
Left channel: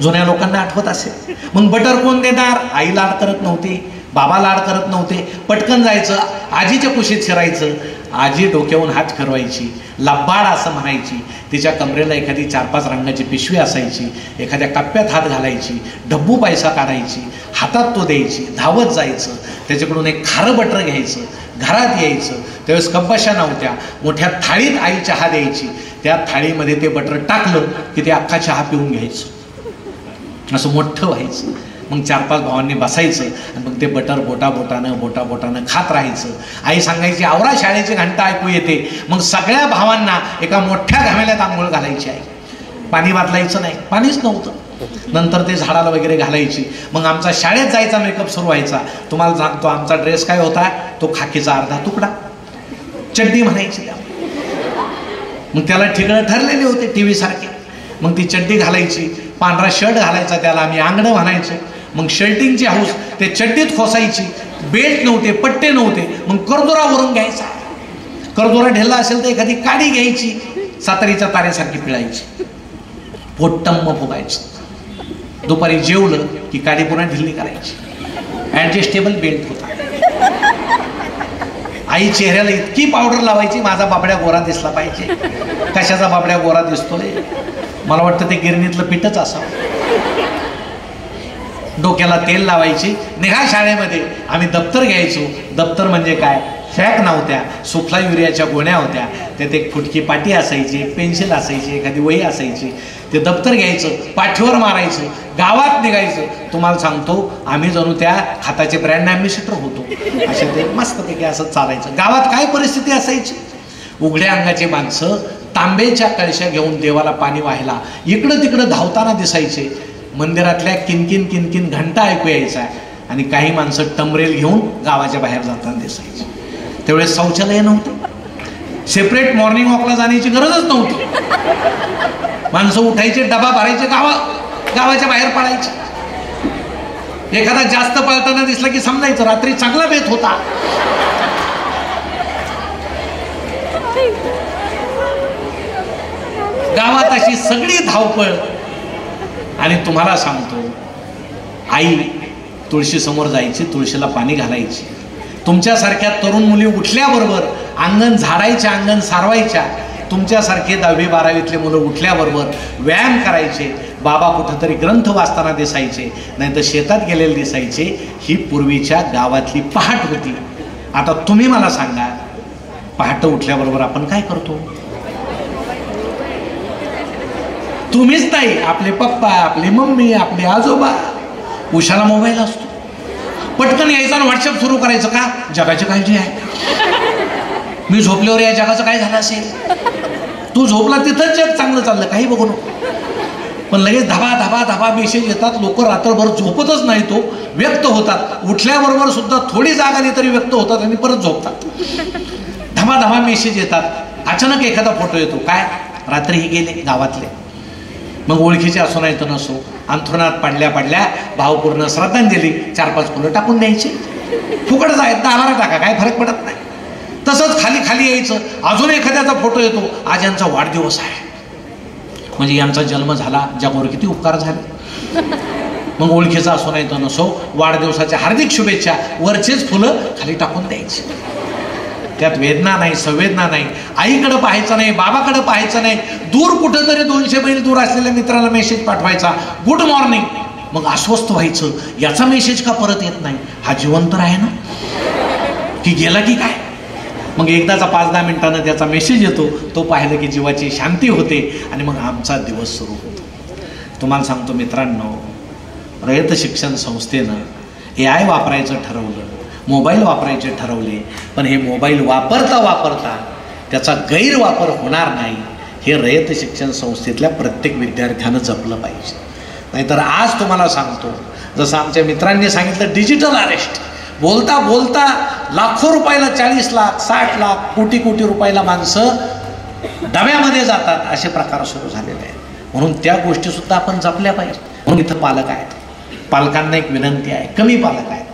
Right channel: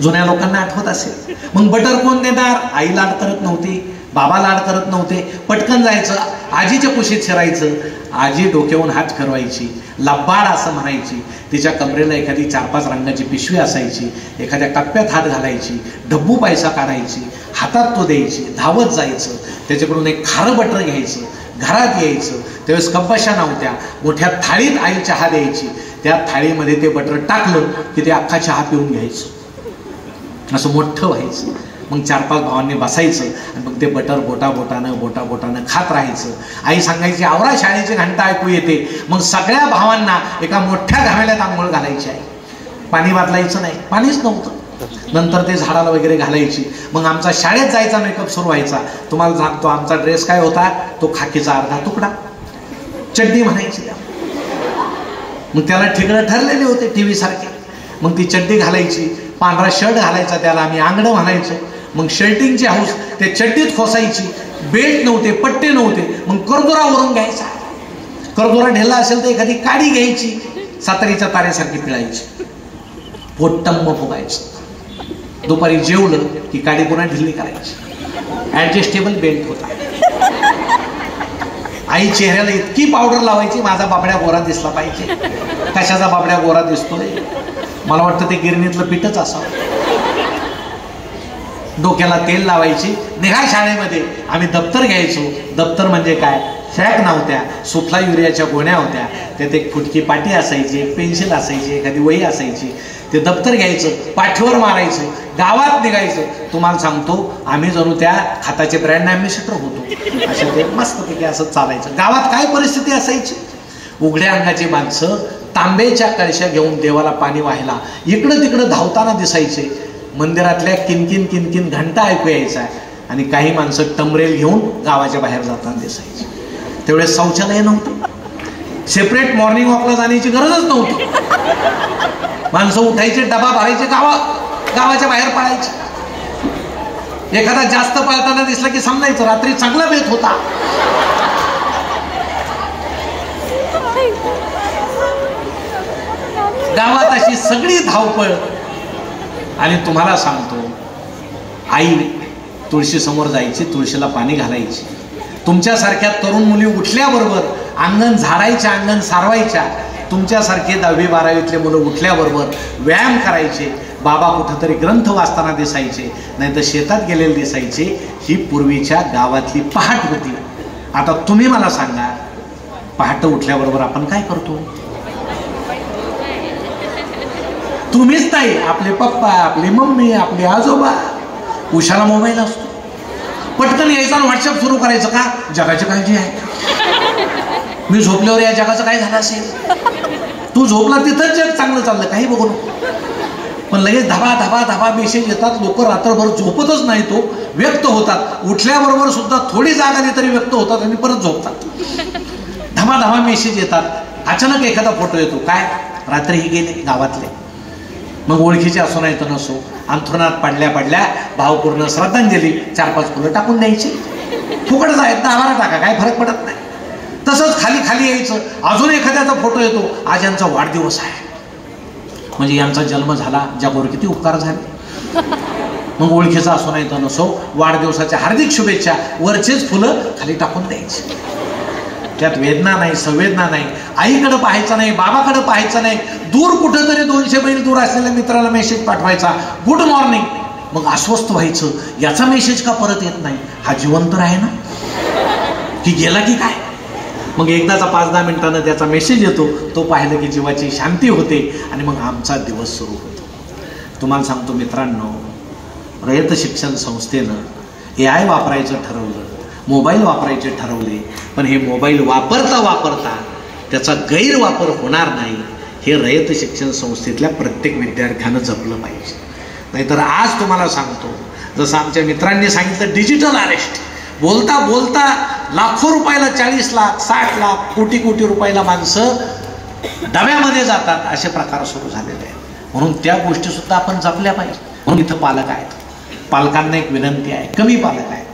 जुन्या लोकांना आठवत असेल. मग बटर कोण देणार? आई लाड करत नव्हती, बाबा लाड करत नव्हते. पटकन जायचं, आजीच्या कुशीत शिरायचं. आजी डोक्यावरून हात फिरवायची, लब्बाड असं म्हणायची. तिच्या कमरेला एखादी 4-5 रंगाची पिशवी असायची, एखाद्या कप्प्यात हात घालायची, डब्बू पैसा काढायची, हातात तो द्यायची, धावत जायचं, त्याच्याकडून एक खारं बटर घ्यायचं, घरात यायचं. त्यावेळेस कप्पाशा नव्हत्या, मोठ्या थाळीत आई चहा द्यायची. त्या थाळीमध्ये ते बटर टाकलं की ते अख्खा चहा पिऊन घ्यायचं. असं मोठं व्हायचं. मग 4-5 भावांनी बसायचं आणि मग ते बटर बोटाबोटानं खात राहायचं. आई सांगायची आवरा शाळेची घंटा ऐकू येते. मग सगळ्या भावांना एका मोठ्या घामेल्यात आंघोळ घालायची आई. पाणी वाजलायचं नाही, पाणीच नव्हतं. नंतर ते झाडाला वगैरे घालायची. मग आमचा शाळेत जायचा मेकअप सुरू व्हायचा. तुम्हाला सांगतो आमचा ड्रेस काय होता? तो खाकीचा अर्धा तुकडा, चड्डी म्हणायची. मग त्याला ठिगळं ठरलेले होते टीव्ही सारखे. मग ती चड्डी घालायची, पांढरा शर्ट घालायचा, त्याला आम्ही आंगडं म्हणायचो. मग शर्टिंगची हाऊस ते चड्डीत खोसायची. बेल्ट नव्हते, पट्टे नव्हते. मग करदोरावरून घ्यायचा. करदोरा ढेला असेल तर एखादी काडी घ्यायची, सातारीच्या तारेसारखी पिळायची, पोट्टम्म फुगायची. दुपारी जेवलं की काडी पुन्हा ढिल्ली करायची. ऍडजस्टेबल बेल्ट होता. आई चेहऱ्याला इतकी पावडर लावायची माझा बाबड्या गोरा दिसला पाहिजे. कशाचा बाबड्या गोरा दिसतोय? मला वाटतं ते गिरणीतलं पीठच असावं. डोक्याला तेल लावायची. निघा शाळेमध्ये. आम्ही दप्तर घ्यायचो. दप्तर म्हणजे काय? फॅक नव्हत्या, सुफला युरियाच्या गोण्या होत्या. त्यात एक फुटकी पाटी असायची, एक पेन्सिल असायची, एखादी वही असायची. ते दप्तर घ्यायचं, पाठीवर मारायचं, गावात निघायचं. तुम्हाला सांगतो आम्ही जणू त्या खाताचे ब्रँड ॲम्बॅसेडर होतो. असे ते मस्तपैकी असं चालायचं. गावात काय परिस्थिती असायची? उघड्या अंगाची माणसं तांब्याच्या कळशा घेऊन देवाला पाणी व्हायला इकडं तिकडं धावताना दिसायचे. मंदिरातल्या किनकिन किनकिन घंटा ऐकू यायचा आणि काही माणसं टमरेल घेऊन गावाच्या बाहेर जाताना दिसायचे. त्यावेळेस शौचालय नव्हतं, सेपरेट मॉर्निंग वॉकला जाण्याची गरजच नव्हती. माणसं उठायचे, डबा भरायचे, गावाच्या बाहेर पडायचे. एखादा जास्त पळताना दिसला की समजायचं रात्री चांगला बेत होता. गावात अशी सगळी धावपळ. आणि तुम्हाला सांगतो आई तुळशी समोर जायची, तुळशीला पाणी घालायची. तुमच्यासारख्या तरुण मुली उठल्याबरोबर अंगण झाडायच्या, अंगण सारवायच्या. तुमच्यासारखे 10वी-12वीतले मुलं उठल्याबरोबर व्यायाम करायचे. बाबा कुठंतरी ग्रंथ वाचताना दिसायचे, नाही तर शेतात गेलेले दिसायचे. ही पूर्वीच्या गावातली पहाट होती. आता तुम्ही मला सांगा, पहाटे उठल्याबरोबर आपण काय करतो? तुम्हीच नाही, आपले पप्पा, आपली मम्मी, आपले आजोबा. उशाला मोबाईल असतो, पटकन यायचा आणि व्हॉट्सअप सुरू करायचं. का? जगाची काळजी आहे. मी झोपल्यावर या जगाचं काय झालं असेल? तू झोपला तिथंच जग चांगलं चाललं, काही बघू नको. पण लगेच धाबा मेसेज येतात. लोक रात्रभर झोपतच नाही, तो व्यक्त होतात. उठल्याबरोबर सुद्धा थोडी जाग आली तरी व्यक्त होतात आणि परत झोपतात. धाबा मेसेज येतात. अचानक एखादा फोटो येतो. काय? रात्रीही गेले गावातले. मग ओळखीचे असो नाही तर नसो, अंथरुणात पडल्या भावपूर्ण श्रद्धांजली 4-5 फुलं टाकून द्यायची. फुकटच आहेत, 10 टाका, काय फरक पडत नाही. तसंच खाली यायचं. अजून एखाद्याचा फोटो येतो. आज यांचा वाढदिवस आहे, म्हणजे यांचा जन्म झाला, जगावर किती उपकार झाले. मग ओळखीचा असो नाही तर नसो, वाढदिवसाच्या हार्दिक शुभेच्छा, वरचेच फुलं खाली टाकून द्यायची. त्यात वेदना नाही, संवेदना नाही, आईकडे पाहायचं नाही, बाबाकडे पाहायचं नाही, दूर कुठेतरी 200 मैल दूर असलेल्या मित्राला मेसेज पाठवायचा, गुड मॉर्निंग, मग अस्वस्थ व्हायचं, याचा मेसेज का परत येत नाही, हा जिवंत आहे ना की गेला की काय. मग एकदाचा 5-10 मिनिटांना त्याचा मेसेज येतो, तो पाहिलं की जीवाची शांती होते आणि मग आमचा दिवस सुरू होतो. तुम्हाला सांगतो मित्रांनो, रयत शिक्षण संस्थेनं AI वापरायचं ठरवलं, मोबाईल वापरायचे ठरवले, पण हे मोबाईल वापरता वापरता त्याचा गैरवापर होणार नाही, हे रयत शिक्षण संस्थेतल्या प्रत्येक विद्यार्थ्यानं जपलं पाहिजे. नाहीतर आज तुम्हाला सांगतो, जसं आमच्या मित्रांनी सांगितलं, डिजिटल अरेस्ट, बोलता बोलता लाखो रुपयाला, 40 लाख 60 लाख कोटी कोटी रुपयाला माणसं डब्यामध्ये जातात, असे प्रकार सुरू झालेले आहेत. म्हणून त्या गोष्टी सुद्धा आपण जपल्या पाहिजे. म्हणून इथं पालक आहेत, पालकांना एक विनंती आहे, कमी पालक आहेत,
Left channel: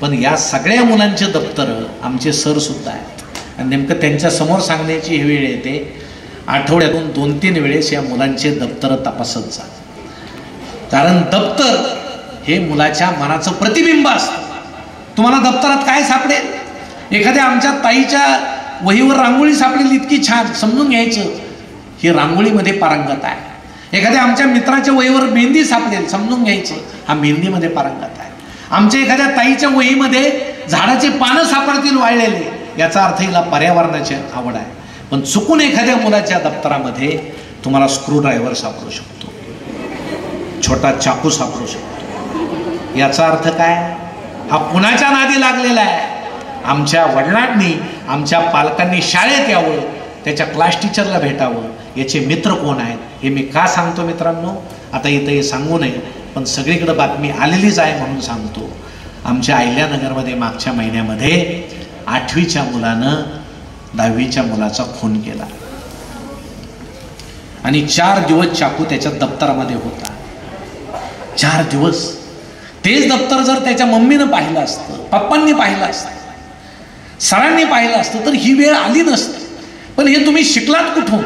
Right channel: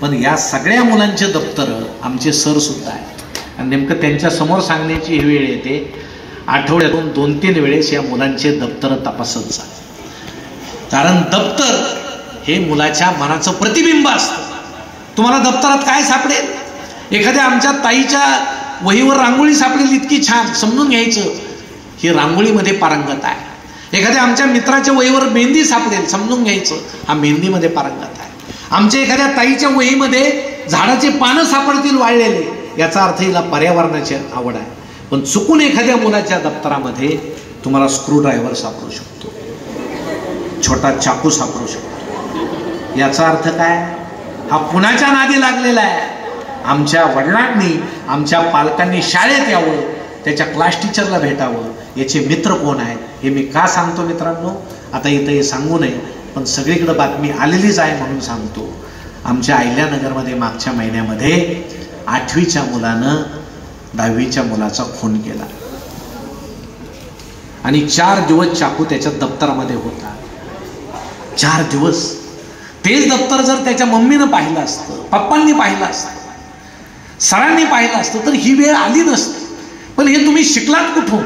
पण या सगळ्या मुलांचे दप्तर आमचे सर सुद्धा आहेत आणि नेमकं त्यांच्या समोर सांगण्याची ही वेळ येते, आठवड्यातून 2-3 वेळेस या मुलांचे दप्तर तपासत जा. कारण दप्तर हे मुलाच्या मनाचं प्रतिबिंब असतं. तुम्हाला दप्तरात काय सापडेल? एखाद्या आमच्या ताईच्या वहीवर रांगोळी सापडेल इतकी छान, समजून घ्यायचं ही रांगोळीमध्ये पारंगत आहे. एखाद्या आमच्या मित्राच्या वहीवर मेहंदी सापडेल, समजून घ्यायचं हा मेहंदीमध्ये पारंगत आहे. आमच्या एखाद्या ताईच्या वहीमध्ये झाडाचे पानं सापडतील वाळलेले, याचा अर्थ हिला पर्यावरणाची आवड आहे. पण चुकून एखाद्या मुलाच्या दप्तरामध्ये तुम्हाला स्क्रू ड्रायव्हर सापडू शकतो, छोटा चाकू सापडू शकतो. याचा अर्थ काय? हा कुणाच्या नादी लागलेला आहे? आमच्या वडिलांनी, आमच्या पालकांनी शाळेत यावं, त्याच्या क्लास टीचरला भेटावं, याचे मित्र कोण आहेत हे मी का सांगतो मित्रांनो, आता इथं हे सांगू नये, पण सगळीकडे बातमी आलेलीच आहे म्हणून सांगतो. आमच्या अहिल्यानगरमध्ये मागच्या महिन्यामध्ये 8वीच्या मुलानं 10वीच्या मुलाचा खून केला आणि 4 दिवस चाकू त्याच्या दप्तरामध्ये होता. 4 दिवस. तेच दप्तर जर त्याच्या मम्मीनं पाहिलं असतं, पप्पांनी पाहिलं असतं, सरांनी पाहिलं असतं तर ही वेळ आली नसती. पण हे तुम्ही शिकलात कुठून?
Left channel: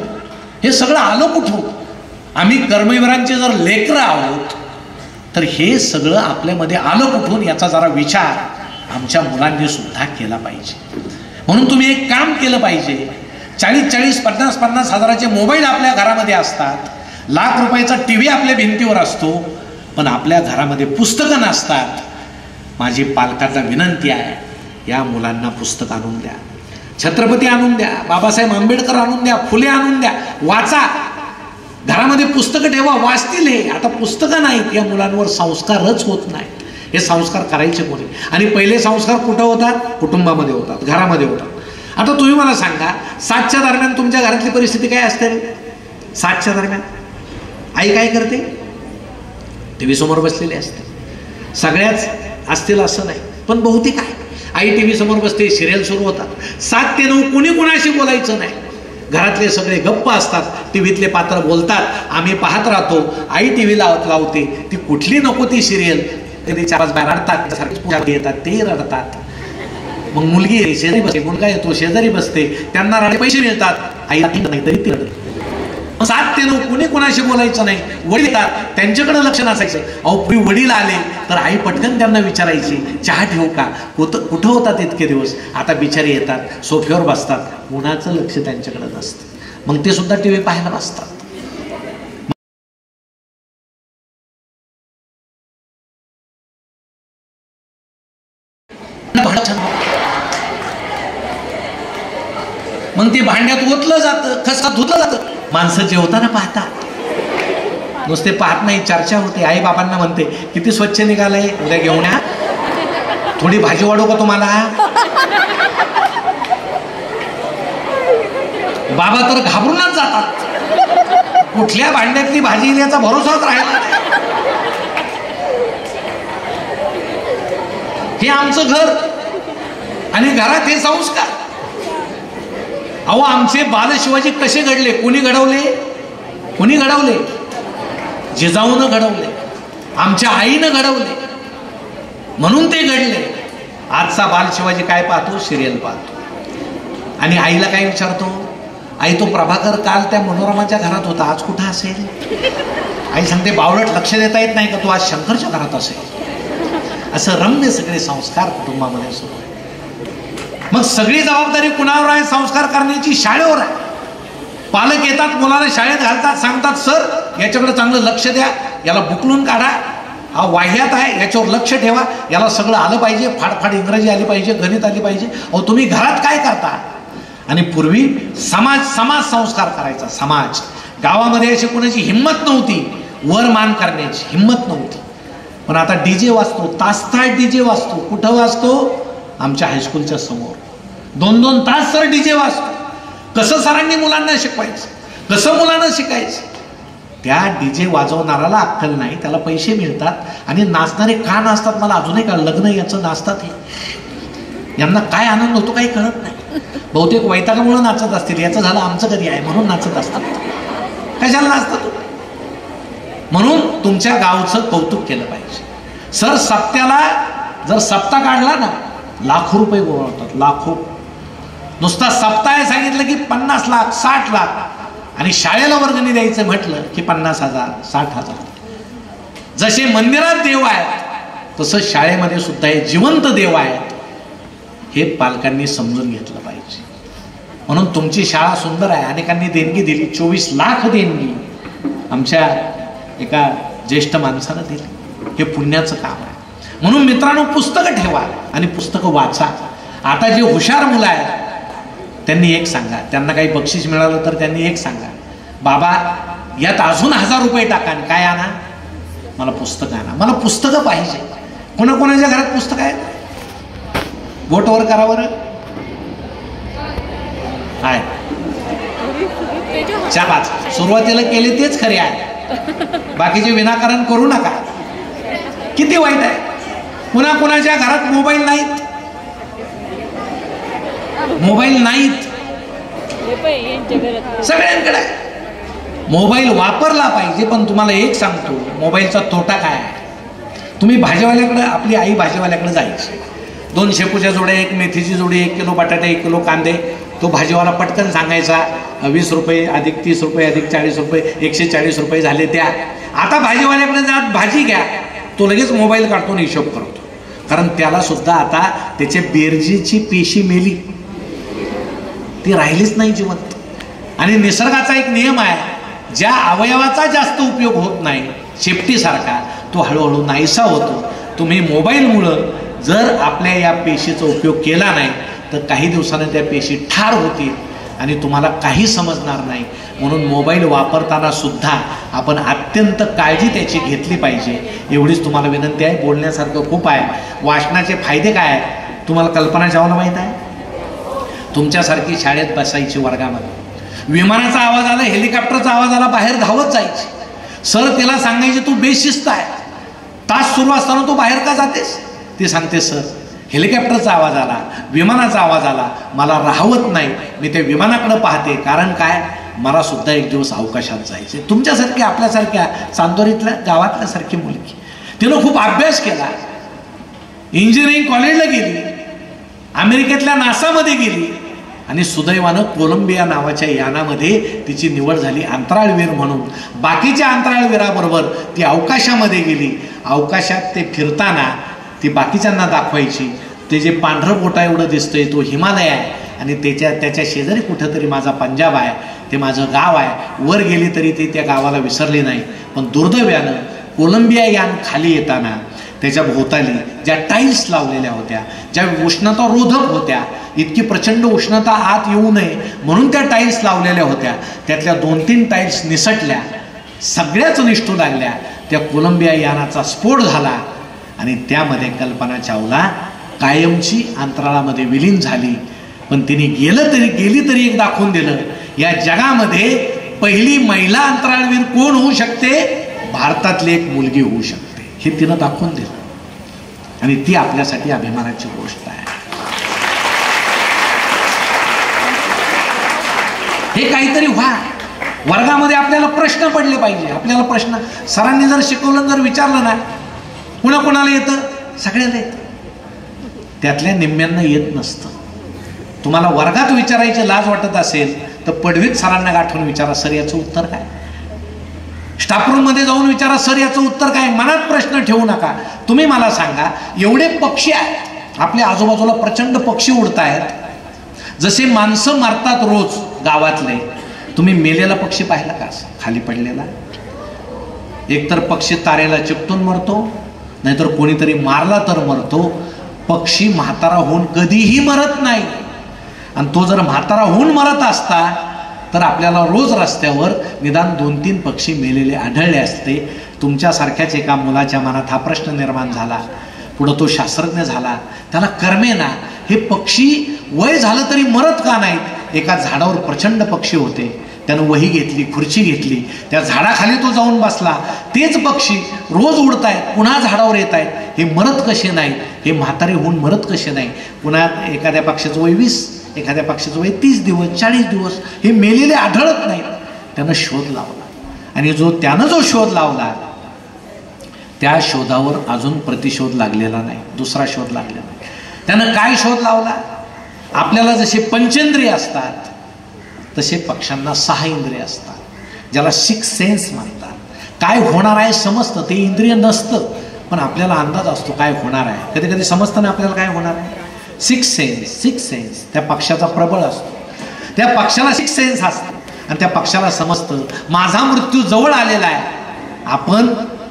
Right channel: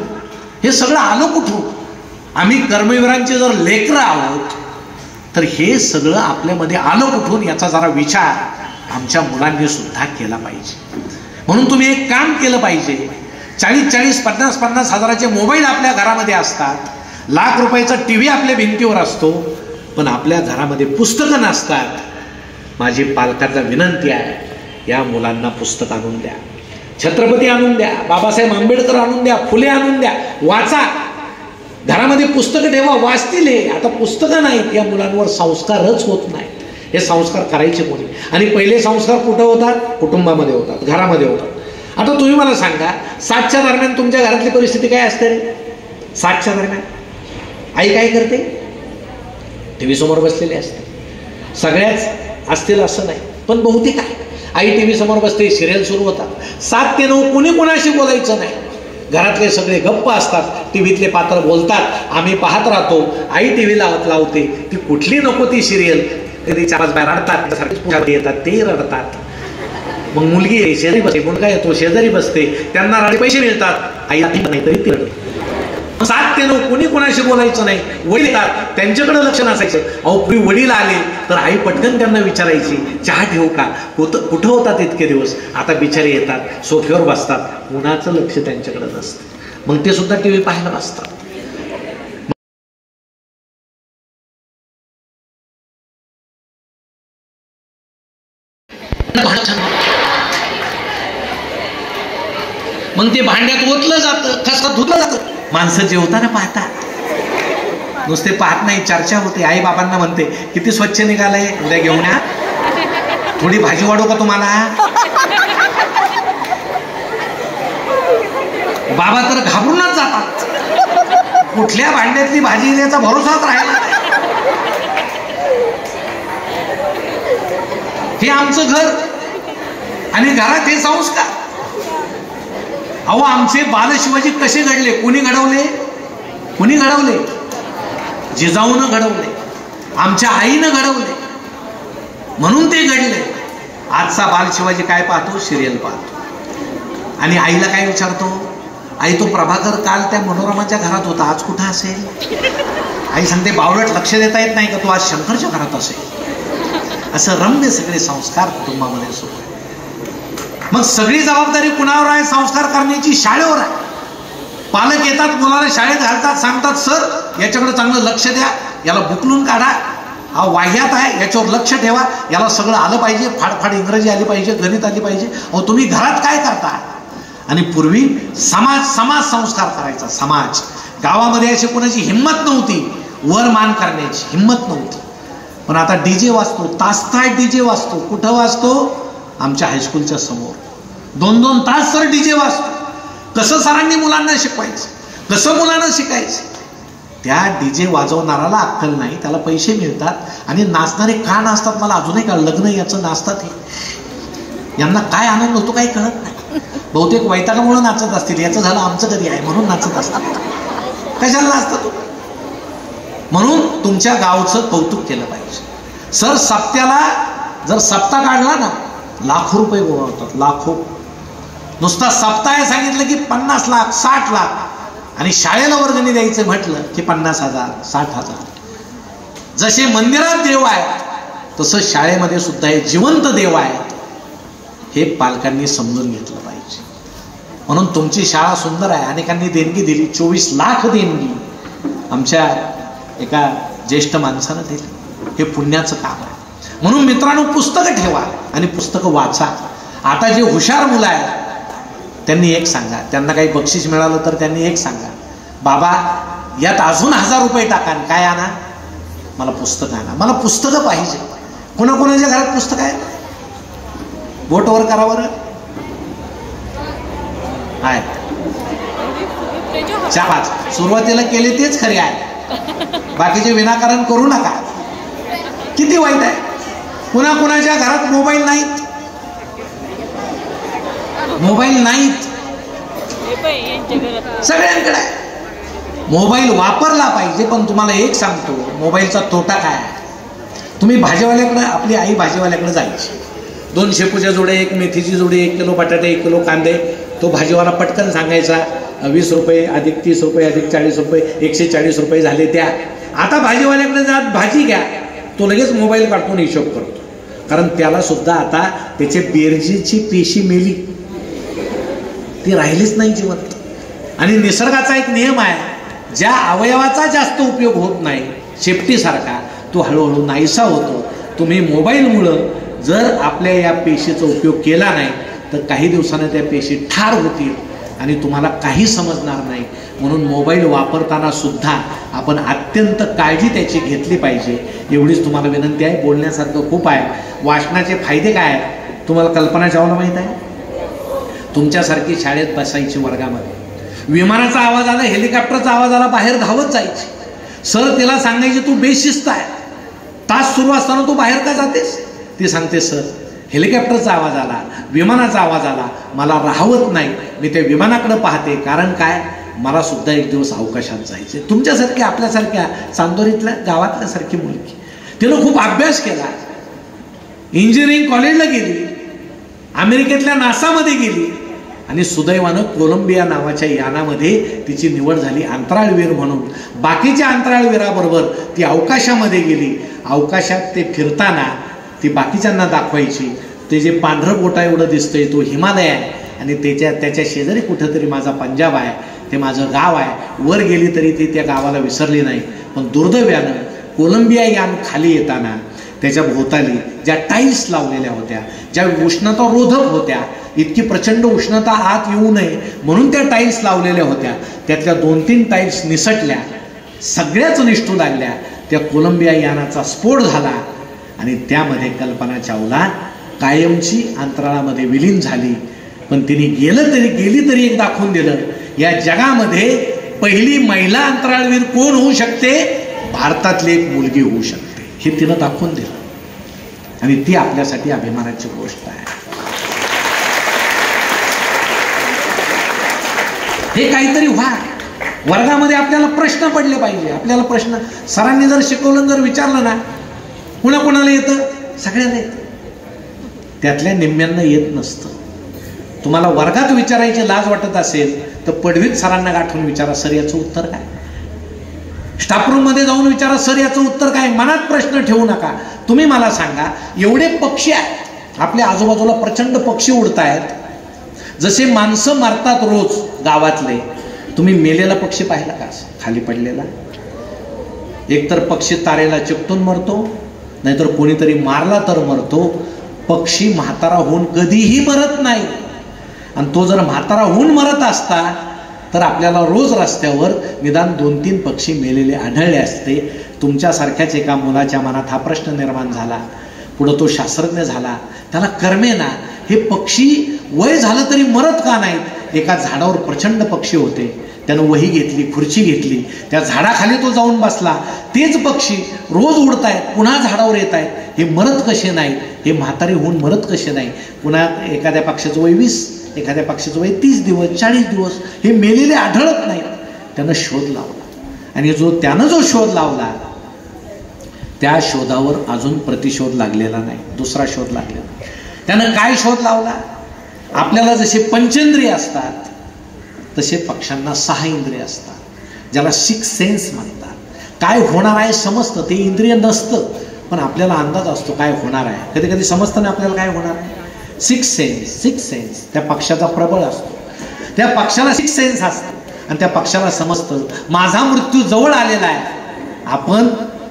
हे सगळं आलं कुठून? आम्ही कर्मवीरांचे जर लेकरं आहोत तर हे सगळं आपल्यामध्ये आलं कुठून, याचा जरा विचार आमच्या मुलांनी सुद्धा केला पाहिजे. म्हणून तुम्ही एक काम केलं पाहिजे. 40-40, 50-50 हजाराचे मोबाईल आपल्या घरामध्ये असतात, लाख रुपयाचा टीव्ही आपल्या भिंतीवर असतो, पण आपल्या घरामध्ये पुस्तकं नसतात. माझी पालकांना विनंती आहे, या मुलांना पुस्तक आणून द्या, छत्रपती आणून द्या, बाबासाहेब आंबेडकर आणून द्या, फुले आणून द्या, वाचा. घरामध्ये पुस्तकं ठेवा, वाचतील हे. आता पुस्तकं नाहीत, या मुलांवर संस्कारच होत नाही. हे संस्कार करायचे कोणी? आणि पहिले संस्कार कुठं होतात? कुटुंबामध्ये होतात, घरामध्ये होतात. आता तुम्ही मला सांगा, 7च्या दरम्यान तुमच्या घरातली परिस्थिती काय असते? 7च्या दरम्यान आई काय करते? टीव्ही समोर बसलेली असते. सगळ्याच असतील असं नाही, पण बहुतेक आहे. आई टीव्ही समोर बसते, सिरियल सुरू होतात. 7 ते 9 कोणी कोणाशी बोलायचं नाही. घरातले सगळे गप्प असतात, टीव्हीतले पात्र बोलतात, आम्ही पाहत राहतो. आई टीव्ही लावते, ती कुठली नको ती सिरियल, कधी 4-5 बाय रडतात, येतात ते रडतात. मग मुलगी शेजारी बसते, मुलगा येतो शेजारी बसते, त्यांना पैसे मिळतात, आई नाही तरी ती रडत. 7 ते 9 कोणी कोणाशी बोलायचं नाही. वडील येतात, त्यांच्याकडे लक्ष नसायचं. अहो पूर्वी वडील आले तर आई पटकन त्यांना विचारायची, चहा ठेवू का? कुठं होतात इतके दिवस? आता बिचारे येतात, सोफ्यावर बसतात, कुणाचं लक्ष त्यांच्याकडे नसतं. मग ते सुद्धा टीव्ही पाहायला बसतात. मग ते भांड्यात ओतलं जातं, खसखस धुतलं जातं. माणसं जेवताना पाहतात, नुसते पाहत नाही, चर्चा होते. आई बाबांना म्हणते, किती स्वच्छ निघालंय, उद्या घेऊन या, थोडी भाजी वाढू का तुम्हाला? बाबा तर घाबरूनच जातात. कुठल्या भांड्यातली भाजी येण्याचा भरोसाच राहिला नाही. हे आमचं घर आणि घरात हे संस्कार. अहो आमचे बाल शिवाजी कसे घडले? कुणी घडवले? कुणी घडवले? जिजाऊनं घडवले, आमच्या आईनं घडवले, म्हणून ते घडले. आजचा बाल शिवाजी काय पाहतो? सिरियल पाहतो. आणि आईला काय विचारतो? आई तो प्रभाकर काल त्या मनोरमाच्या घरात होता, आज कुठं असेल? आई सांगते, बावळट लक्ष देता येत नाही का? तो आज शंकरच्या घरात असेल. असं रम्य सगळे संस्कार कुटुंबामध्ये सुरू. मग सगळी जबाबदारी कुणावर आहे? संस्कार करण्याची शाळेवर आहे. पालक येतात, मुलाला शाळेत घालतात, सांगतात सर याच्याकडे चांगलं लक्ष द्या, याला बुकलून काढा, हा वाह्यात आहे, याच्यावर लक्ष ठेवा, याला सगळं आलं पाहिजे, फाडफाड इंग्रजी आली पाहिजे, गणित आली पाहिजे. अहो तुम्ही घरात काय करता? आणि पूर्वी समाज संस्कार करायचा. समाज गावामध्ये अशी कोणाची हिंमत नव्हती वर मान करण्याची, हिंमत नव्हती. पण आता डीजे वाजतो, तास डीजे वाजतो. कुठं वाजतो? आमच्या हायस्कूलच्या समोर 2-2 तास सर डीजे वाजतो. कसं सरांनी मुलांना शिकवायचं, कसं मुलांना शिकायचं? त्या डीजे वाजवणाराला अक्कल नाही, त्याला पैसे मिळतात आणि नाचणारे का नाचतात मला अजूनही कळलं. लग्न याचं नाचतात हे, यांना काय आनंद होतो काही कळत नाही. बहुतेक वैतागामुळे नाचत असतील, याचं झालं आमचं कधी आहे म्हणून नाचत असतात. कशाला नाचतात? म्हणून तुमच्या गावचं कौतुक केलं पाहिजे. सर सप्त्याला जर सप्ताह काढला ना, लाखो रुपये गोळवतात, लाखो. नुसता सप्ताह आहे सांगितलं की 50 लाख 60 लाख, आणि शाळेला वर्गणी द्यायचं म्हटलं की 50,000 60,000. जसे मंदिरात देव आहेत तसं शाळेमध्ये सुद्धा हे जिवंत देव आहेत, हे पालकांनी समजून घेतलं पाहिजे. म्हणून तुमची शाळा सुंदर आहे. अनेकांनी देणगी दिली, 24 लाख देणगी आमच्या एका ज्येष्ठ माणसानं दिली. हे पुण्याचं काम आहे. म्हणून मित्रांनो, पुस्तकं ठेवा आणि पुस्तकं वाचा. आता जे हुशार मुलं आहेत त्यांनी एक सांगा, त्यांना काही बक्षीस मिळालं तर त्यांनी एक सांगा, बाबा यात अजून 1000 रुपये टाका, काय आणा? मला पुस्तकं आणा, मला पुस्तकं पाहिजे. कोणाकोणाच्या घरात पुस्तकं आहे? बोटवर करा बरं. आहे 4-5 सुरुवातीला केले तेच खरे आहे, बाकीचे विनाकारण करू नका. किती वाईट आहे. कुणाकुणाच्या घरात मोबाईल नाहीत, मोबाईल नाहीत, सगळ्यांकडे आहे. मोबाईल वापरला पाहिजे. पण तुम्हाला एक सांगतो, मोबाईलचा तोटा काय आहे? तुम्ही भाजीवाल्याकडे, आपली आई भाजीवाल्याकडे जायची, 2 शेपूच्या जोड्या, 1 मेथीची जोडी, 1 किलो बटाटे, 1 किलो कांदे. तो भाजीवाला पटकन सांगायचा 20 रुपये अधिक 30 रुपये अधिक 40 रुपये 140 रुपये झाले त्या. आता भाजीवाल्याकडे जात भाजी घ्या, तो लगेच मोबाईल काढतो आणि हिशोब करतो. कारण त्याला सुद्धा आता त्याच्या बेरजीची पेशी मेली, ती राहिलीच नाही जिवंत. आणि निसर्गाचा एक नियम आहे, ज्या अवयवाचा जास्त उपयोग होत नाही, शेपटीसारखा, तो हळूहळू नाहीसा होतो. तुम्ही मोबाईलमुळं जर आपल्या या पेशीचा उपयोग केला नाही तर काही दिवसानं त्या पेशी ठार होतील आणि तुम्हाला काही समजणार नाही. म्हणून मोबाईल वापरताना सुद्धा आपण अत्यंत काळजी त्याची घेतली पाहिजे, एवढीच तुम्हाला विनंती आहे. बोलण्यासारखं खूप आहे. वाचनाचे फायदे काय आहेत तुम्हाला कल्पना चावला माहित आहे? तुमच्यासारखी शाळेत बसायची वर्गामध्ये, विमानाचा आवाज आला, हेलिकॉप्टरचा आवाज आला, बाहेर धावत जायची. सर तिला सांगायची तू बेशिस्त आहे, तास सुरू असताना तू बाहेर का जातेस? ती सांगते सर हेलिकॉप्टरचा आवाज आला, विमानाचा आवाज आला, मला राहवत नाही, मी त्या विमानाकडे पाहते. कारण काय, मला सुद्धा एक दिवस अवकाशात जायचे. तुमच्यासारख्या, आपल्यासारख्या चांदोरीतल्या गावातल्या सारखी मुलगी, तिनं खूप अभ्यास केला, इंजिनिअरिंग कॉलेजला गेली, अमेरिकेतल्या नासामध्ये गेली आणि सुदैवानं कोलंबिया नावाच्या यानामध्ये तिची निवड झाली अंतराळवीर म्हणून. बाकीच्या अंतराळवीराबरोबर ती अवकाशामध्ये गेली. अवकाशात ते फिरताना ती बाकीच्यांना दाखवायची, ते जे पांढरं बोटा एवढं दिसतंय तो हिमालय आहे आणि त्याच्या शेजारी कुठंतरी माझा पंजाब आहे, ते माझं गाव आहे. वर गेली तरी ती त्या गावाला विसरली नाही. पण दुर्दैवानं कोलंबिया यान खाली येताना त्याच्या भोवताली ज्या टाईल्स लावलेल्या होत्या, ज्या उष्णता रोधक होत्या, इतकी प्रचंड उष्णता आत येऊ नये म्हणून त्या टाईल्स लावलेल्या होत्या, त्यातल्या 2-3 टाईल्स निसटल्या, सगळ्याच निष्ठू लागल्या. त्या कोलंबिया यानाचा स्फोट झाला आणि त्यामध्ये कल्पना चावला कायमची अंतराळामध्ये विलीन झाली. पण तिने गेली तरी एक दाखवून दिलं, या जगामध्ये पहिली महिला अंतराळवीर कोण होऊ शकते? भारतातली एक मुलगी होऊ शकते, हे तिनं दाखवून दिलं. आणि ती आपल्यासाठी अभिमानाची गोष्ट आहे. हे काहीतरी व्हा. वर्गामध्ये आपल्याला प्रश्न पडले पाहिजे. आपल्याला प्रश्न सरांनी जर शिकवलं, जर विचारलं ना, कुणाला येतं? सगळ्यांना येतं. त्यातल्या निम्म्यांना येत नसतं. तुम्हाला वर्गात विचारायची लाज वाटत असेल तर पडवीत सरांना गाठून विचारा, सर याचं उत्तर काय? स्टाफरूम मध्ये जाऊन विचारा, सर याचं उत्तर काय? मनात प्रश्न ठेवू नका. तुम्ही मला सांगा, एवढे पक्षी आहेत आपल्या आजूबाजूला, प्रचंड पक्षी उडतायत, जसे माणसं मारतात रोज गावातले, तुम्ही मेलेला पक्षी पाहिला का खाली पडलेला? एकतर पक्षी तारेला चिकटून मरतो, नाहीतर कोणीतरी मारला तर मरतो. पक्षी म्हातारा होऊन कधीही मरत नाही. आणि तो जर म्हातारा होऊन मरत असता तर आपल्याला रोज रस्त्यावर निदान 2-3 पक्षी मेलेले आढळले असते. तुमच्यासारख्याच एका मुलाच्या मनात हा प्रश्न निर्माण झाला. पुढे तो शास्त्रज्ञ झाला, त्याला कर्मेना हे पक्षी वय झालं तरी मरत का नाहीत? एका झाडावर प्रचंड पक्षी होते, त्यानं वही घेतली, खुर्ची घेतली, त्या झाडाखाली तो जाऊन बसला. तेच पक्षी रोज उडतायत, पुन्हा झाडावर येत आहेत, हे मरत कसे नाहीत? हे म्हातारे होऊन मरत कसे नाही? पुन्हा एखाद्या पक्षाचं वय 20, एखाद्या पक्षाचं वय 30 दिवस 40 दिवस, हे मेलेले आढळत नाही. त्यानं शोध लावला, आणि त्यानं जो शोध लावला त्या शोधावर अजून प्रतिशोध लागलेला नाही, दुसरा शोध लागलेला नाही. त्यानं काय शोध लावला? आपल्याला जसे पंचेंद्रिय असतात तसे पक्ष्यांना 6 इंद्रिय असतात, ज्याला 6 सेन्स म्हणतात. काय होणार आहे समजतं, ते इंद्रिय नसतं पण आपल्याला अंदाज असतो काय होणार आहे. कधी कधी समजतं ना आपल्याला काय होणार आहे. 6 सेन्स त्या पक्षाचा प्रबळ असतो. त्या पक्षाला 6 सेन्स असतं आणि त्या पक्षाला समजतं माझा मृत्यू जवळ आलेला आहे. आपण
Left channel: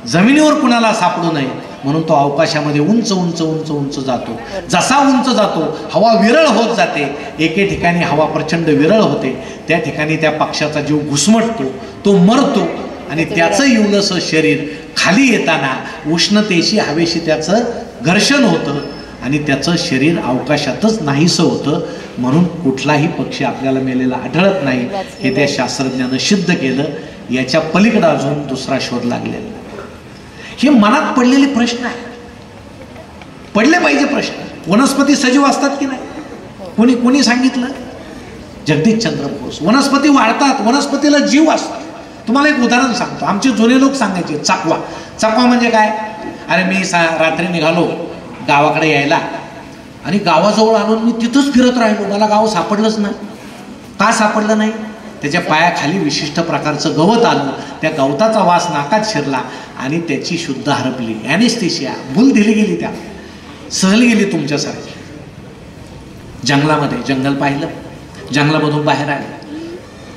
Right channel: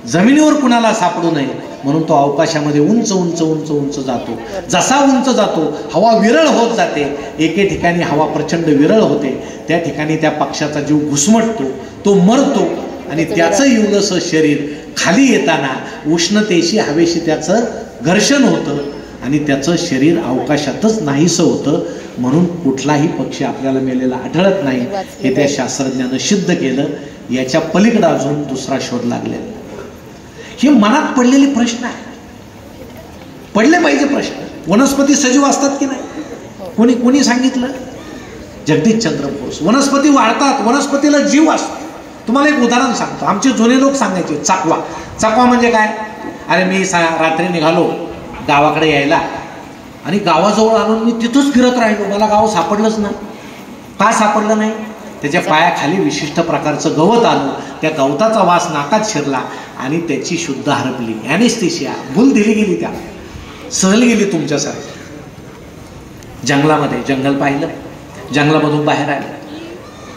जमिनीवर कुणाला सापडू नये म्हणून तो अवकाशामध्ये उंच उंच उंच उंच जातो. जसा उंच जातो हवा विरळ होत जाते. एके ठिकाणी हवा प्रचंड विरळ होते, त्या ठिकाणी त्या पक्षाचा जीव घुसमटतो, तो मरतो आणि त्याचं इवलंसं शरीर खाली येताना उष्णतेशी हवेशी त्याचं घर्षण होतं आणि त्याचं शरीर अवकाशातच नाहीसं होतं. म्हणून कुठलाही पक्षी आपल्याला मेलेला आढळत नाही, हे त्या शास्त्रज्ञानं सिद्ध केलं. याच्या पलीकडे अजून दुसरा शोध लागलेला. हे मनात पडलेले प्रश्न आहे, पडले पाहिजे प्रश्न. वनस्पती सजीव असतात की नाही? कोणी सांगितलं? जगदीशचंद्र बोस. वनस्पती वाढतात, वनस्पतीला जीव असतो. तुम्हाला एक उदाहरण सांगतो. आमचे जुने लोक सांगायचे चकवा म्हणजे काय? अरे मी रात्री निघालो गावाकडे यायला आणि गावाजवळ आलो, मी तिथंच फिरत राहिलो, मला गाव सापडलंच नाही. का सापडलं नाही? त्याच्या पायाखाली विशिष्ट प्रकारचं गवत आलं, त्या गवताचा वास नाकात शिरला आणि त्याची शुद्ध हरपली. ॲनेस्थेशिया, भूल दिली गेली, त्या सहल गेली तुमच्यासारखी. जंगलामध्ये जंगल पाहिलं, जंगलामधून बाहेर आले.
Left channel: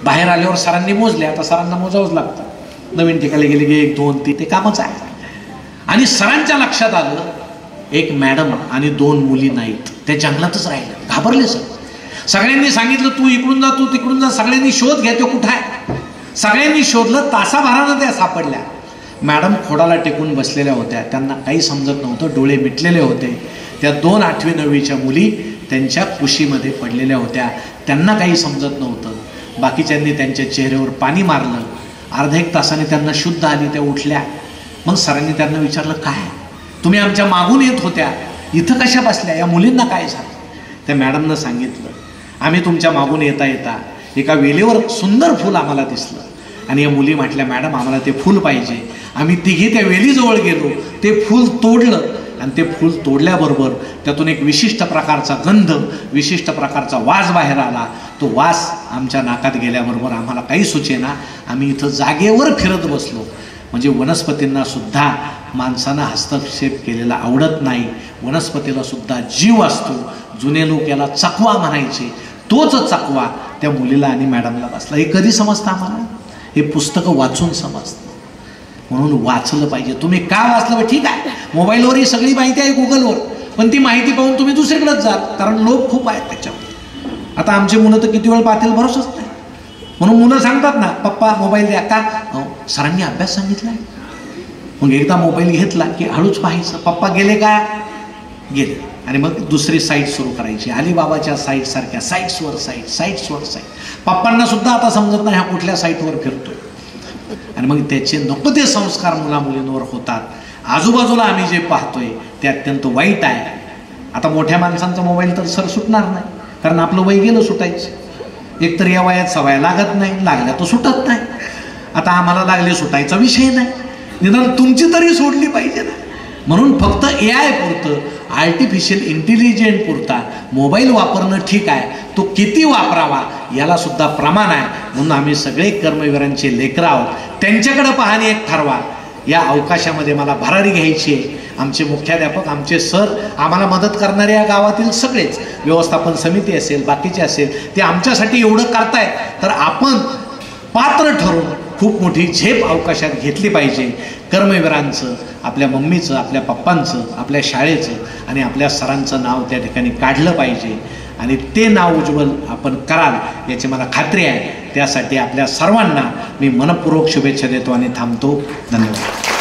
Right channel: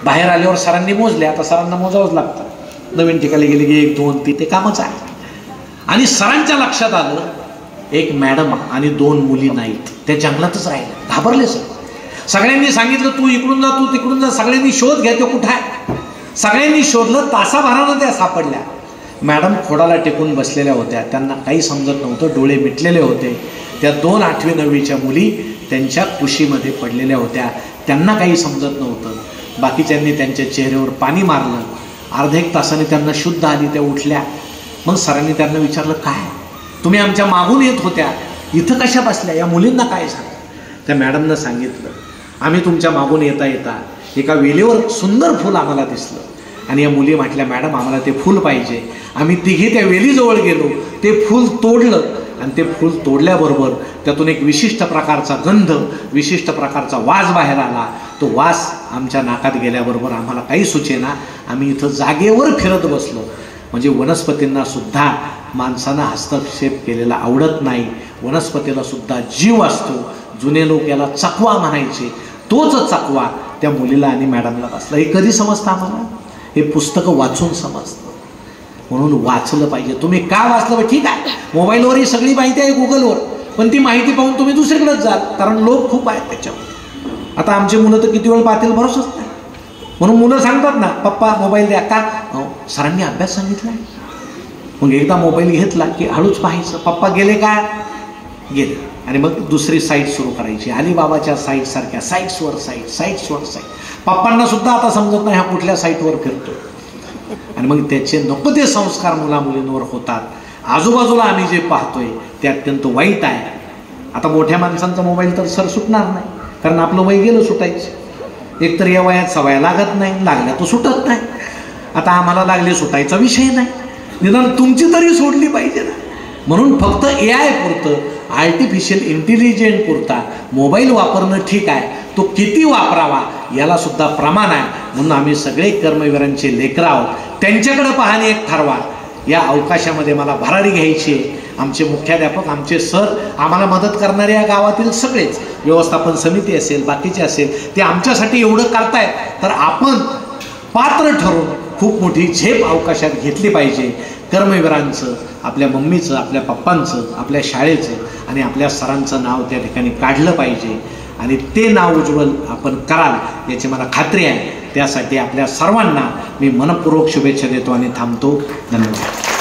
बाहेर आल्यावर सरांनी मोजले, आता सरांना मोजावंच लागतं. नवीन ठिकाणी गेले की 1, 2, 3 ते कामच आहे. आणि सरांच्या लक्षात आलं एक मॅडम आणि 2 मुली नाहीत, त्या जंगलातच राहिलं. घाबरले सर. सगळ्यांनी सांगितलं तू इकडून जा, तू तिकडून जा. सगळ्यांनी शोध घ्या, तो कुठं आहे? सगळ्यांनी शोधलं, तासाभरानं त्या सापडल्या. मॅडम खोडाला टेकून बसलेल्या होत्या, त्यांना काही समजत नव्हतं, डोळे मिटलेले होते. त्या 2 8वी 9वीच्या मुली त्यांच्या कुशीमध्ये पडलेल्या होत्या, त्यांना काही समजत नव्हतं. बाकीच्यांनी त्यांच्या चेहऱ्यावर पाणी मारलं. अर्धा 1 तासाने त्यांना शुद्ध आली, त्या उठल्या. मग सरांनी त्यांना विचारलं काय तुम्ही आमच्या मागून येत होत्या, इथं कशा बसल्या? या मुलींना काय सांग? त्या मॅडमनं सांगितलं आम्ही तुमच्या मागून येता येता एका वेलीवर सुंदर फूल आम्हाला दिसलं आणि या मुली म्हटल्या मॅडम आम्हाला ते फूल पाहिजे. आम्ही तिघे त्या वेलीजवळ गेलो, ते फूल तोडलं आणि ते फूल तोडल्याबरोबर त्यातून एक विशिष्ट प्रकारचा गंध, विशिष्ट प्रकारचा वास बाहेर आला. तो वास आमच्या नाकात गेल्याबरोबर आम्हाला काही सुचेना, आम्ही इथं जागेवर फिरत बसलो. म्हणजे वनस्पतींना सुद्धा माणसानं हस्तक्षेप केलेला आवडत नाही. वनस्पतीला सुद्धा जीव असतो. जुने लोक याला चकवा म्हणायचे. तोच चकवा त्या मुलीला आणि मॅडमला बसला. हे कधी समजतं आम्हाला? हे पुस्तकं वाचून समजतं. म्हणून वाचलं पाहिजे. तुम्ही का वाचलं? ठीक आहे, मोबाईलवर ही सगळी माहिती आहे, गुगलवर, पण ती माहिती पाहून तुम्ही दुसरीकडेच जाल, कारण लोक खूप आहेत त्याच्यावर. आता आमची मुलं तर किती वेळ पाहतील भरोसाच नाही. म्हणून मुलं सांगतात ना पप्पा मोबाईल द्या का? सरांनी अभ्यास सांगितला. मग एकदा मोबाईल घेतला की हळूच पाहायचं. पप्पा गेले का? गेले. आणि मग दुसरी साईट सुरू करायची. अलिबाबाच्या साईट सारख्या साईट्सवर साईट. पप्पांना सुद्धा आता समजत नाही हा कुठल्या साईटवर फिरतो. आणि मग त्याचे नको ते संस्कार मुला मुलींवर होतात. आजूबाजूला आम्ही जे पाहतोय ते अत्यंत वाईट आहे. आता मोठ्या माणसांचा मोबाईल तर सर सुटणार नाही, कारण आपलं वय गेलं सुटायचं. एकतर या वयात सवय लागत नाही, लागल्या तो सुटत नाही. आता आम्हाला लागले, सुटायचा विषय नाही. निदान तुमची तरी सोडली पाहिजे ना. म्हणून फक्त AI पुरतं, आर्टिफिशियल इंटेलिजन्स पुरता मोबाईल वापरणं ठीक आहे, तो किती वापरावा याला सुद्धा प्रमाण आहे. म्हणून आम्ही सगळे कर्मवीरांचे लेकरं आहोत. त्यांच्याकडे पाहणे एक ठरवा. या अवकाशामध्ये मला भरारी घ्यायची आहे, आमचे मुख्याध्यापक, आमचे सर, आम्हाला मदत करणारे या गावातील सगळेच, व्यवस्थापन समिती असेल, बाकीचे असेल, ते आमच्यासाठी एवढं करतायत, तर आपण पात्र ठरून खूप मोठी झेप अवकाशात घेतली पाहिजे. कर्मवीरांचं, आपल्या मम्मीचं, आपल्या पप्पांचं, आपल्या शाळेचं आणि आपल्या सरांचं नाव त्या ठिकाणी काढलं पाहिजे आणि ते नाव उज्ज्वल आपण कराल याची मला खात्री आहे. त्यासाठी आपल्या सर्वांना मी मनपूर्वक शुभेच्छा देतो आणि थांबतो. धन्यवाद.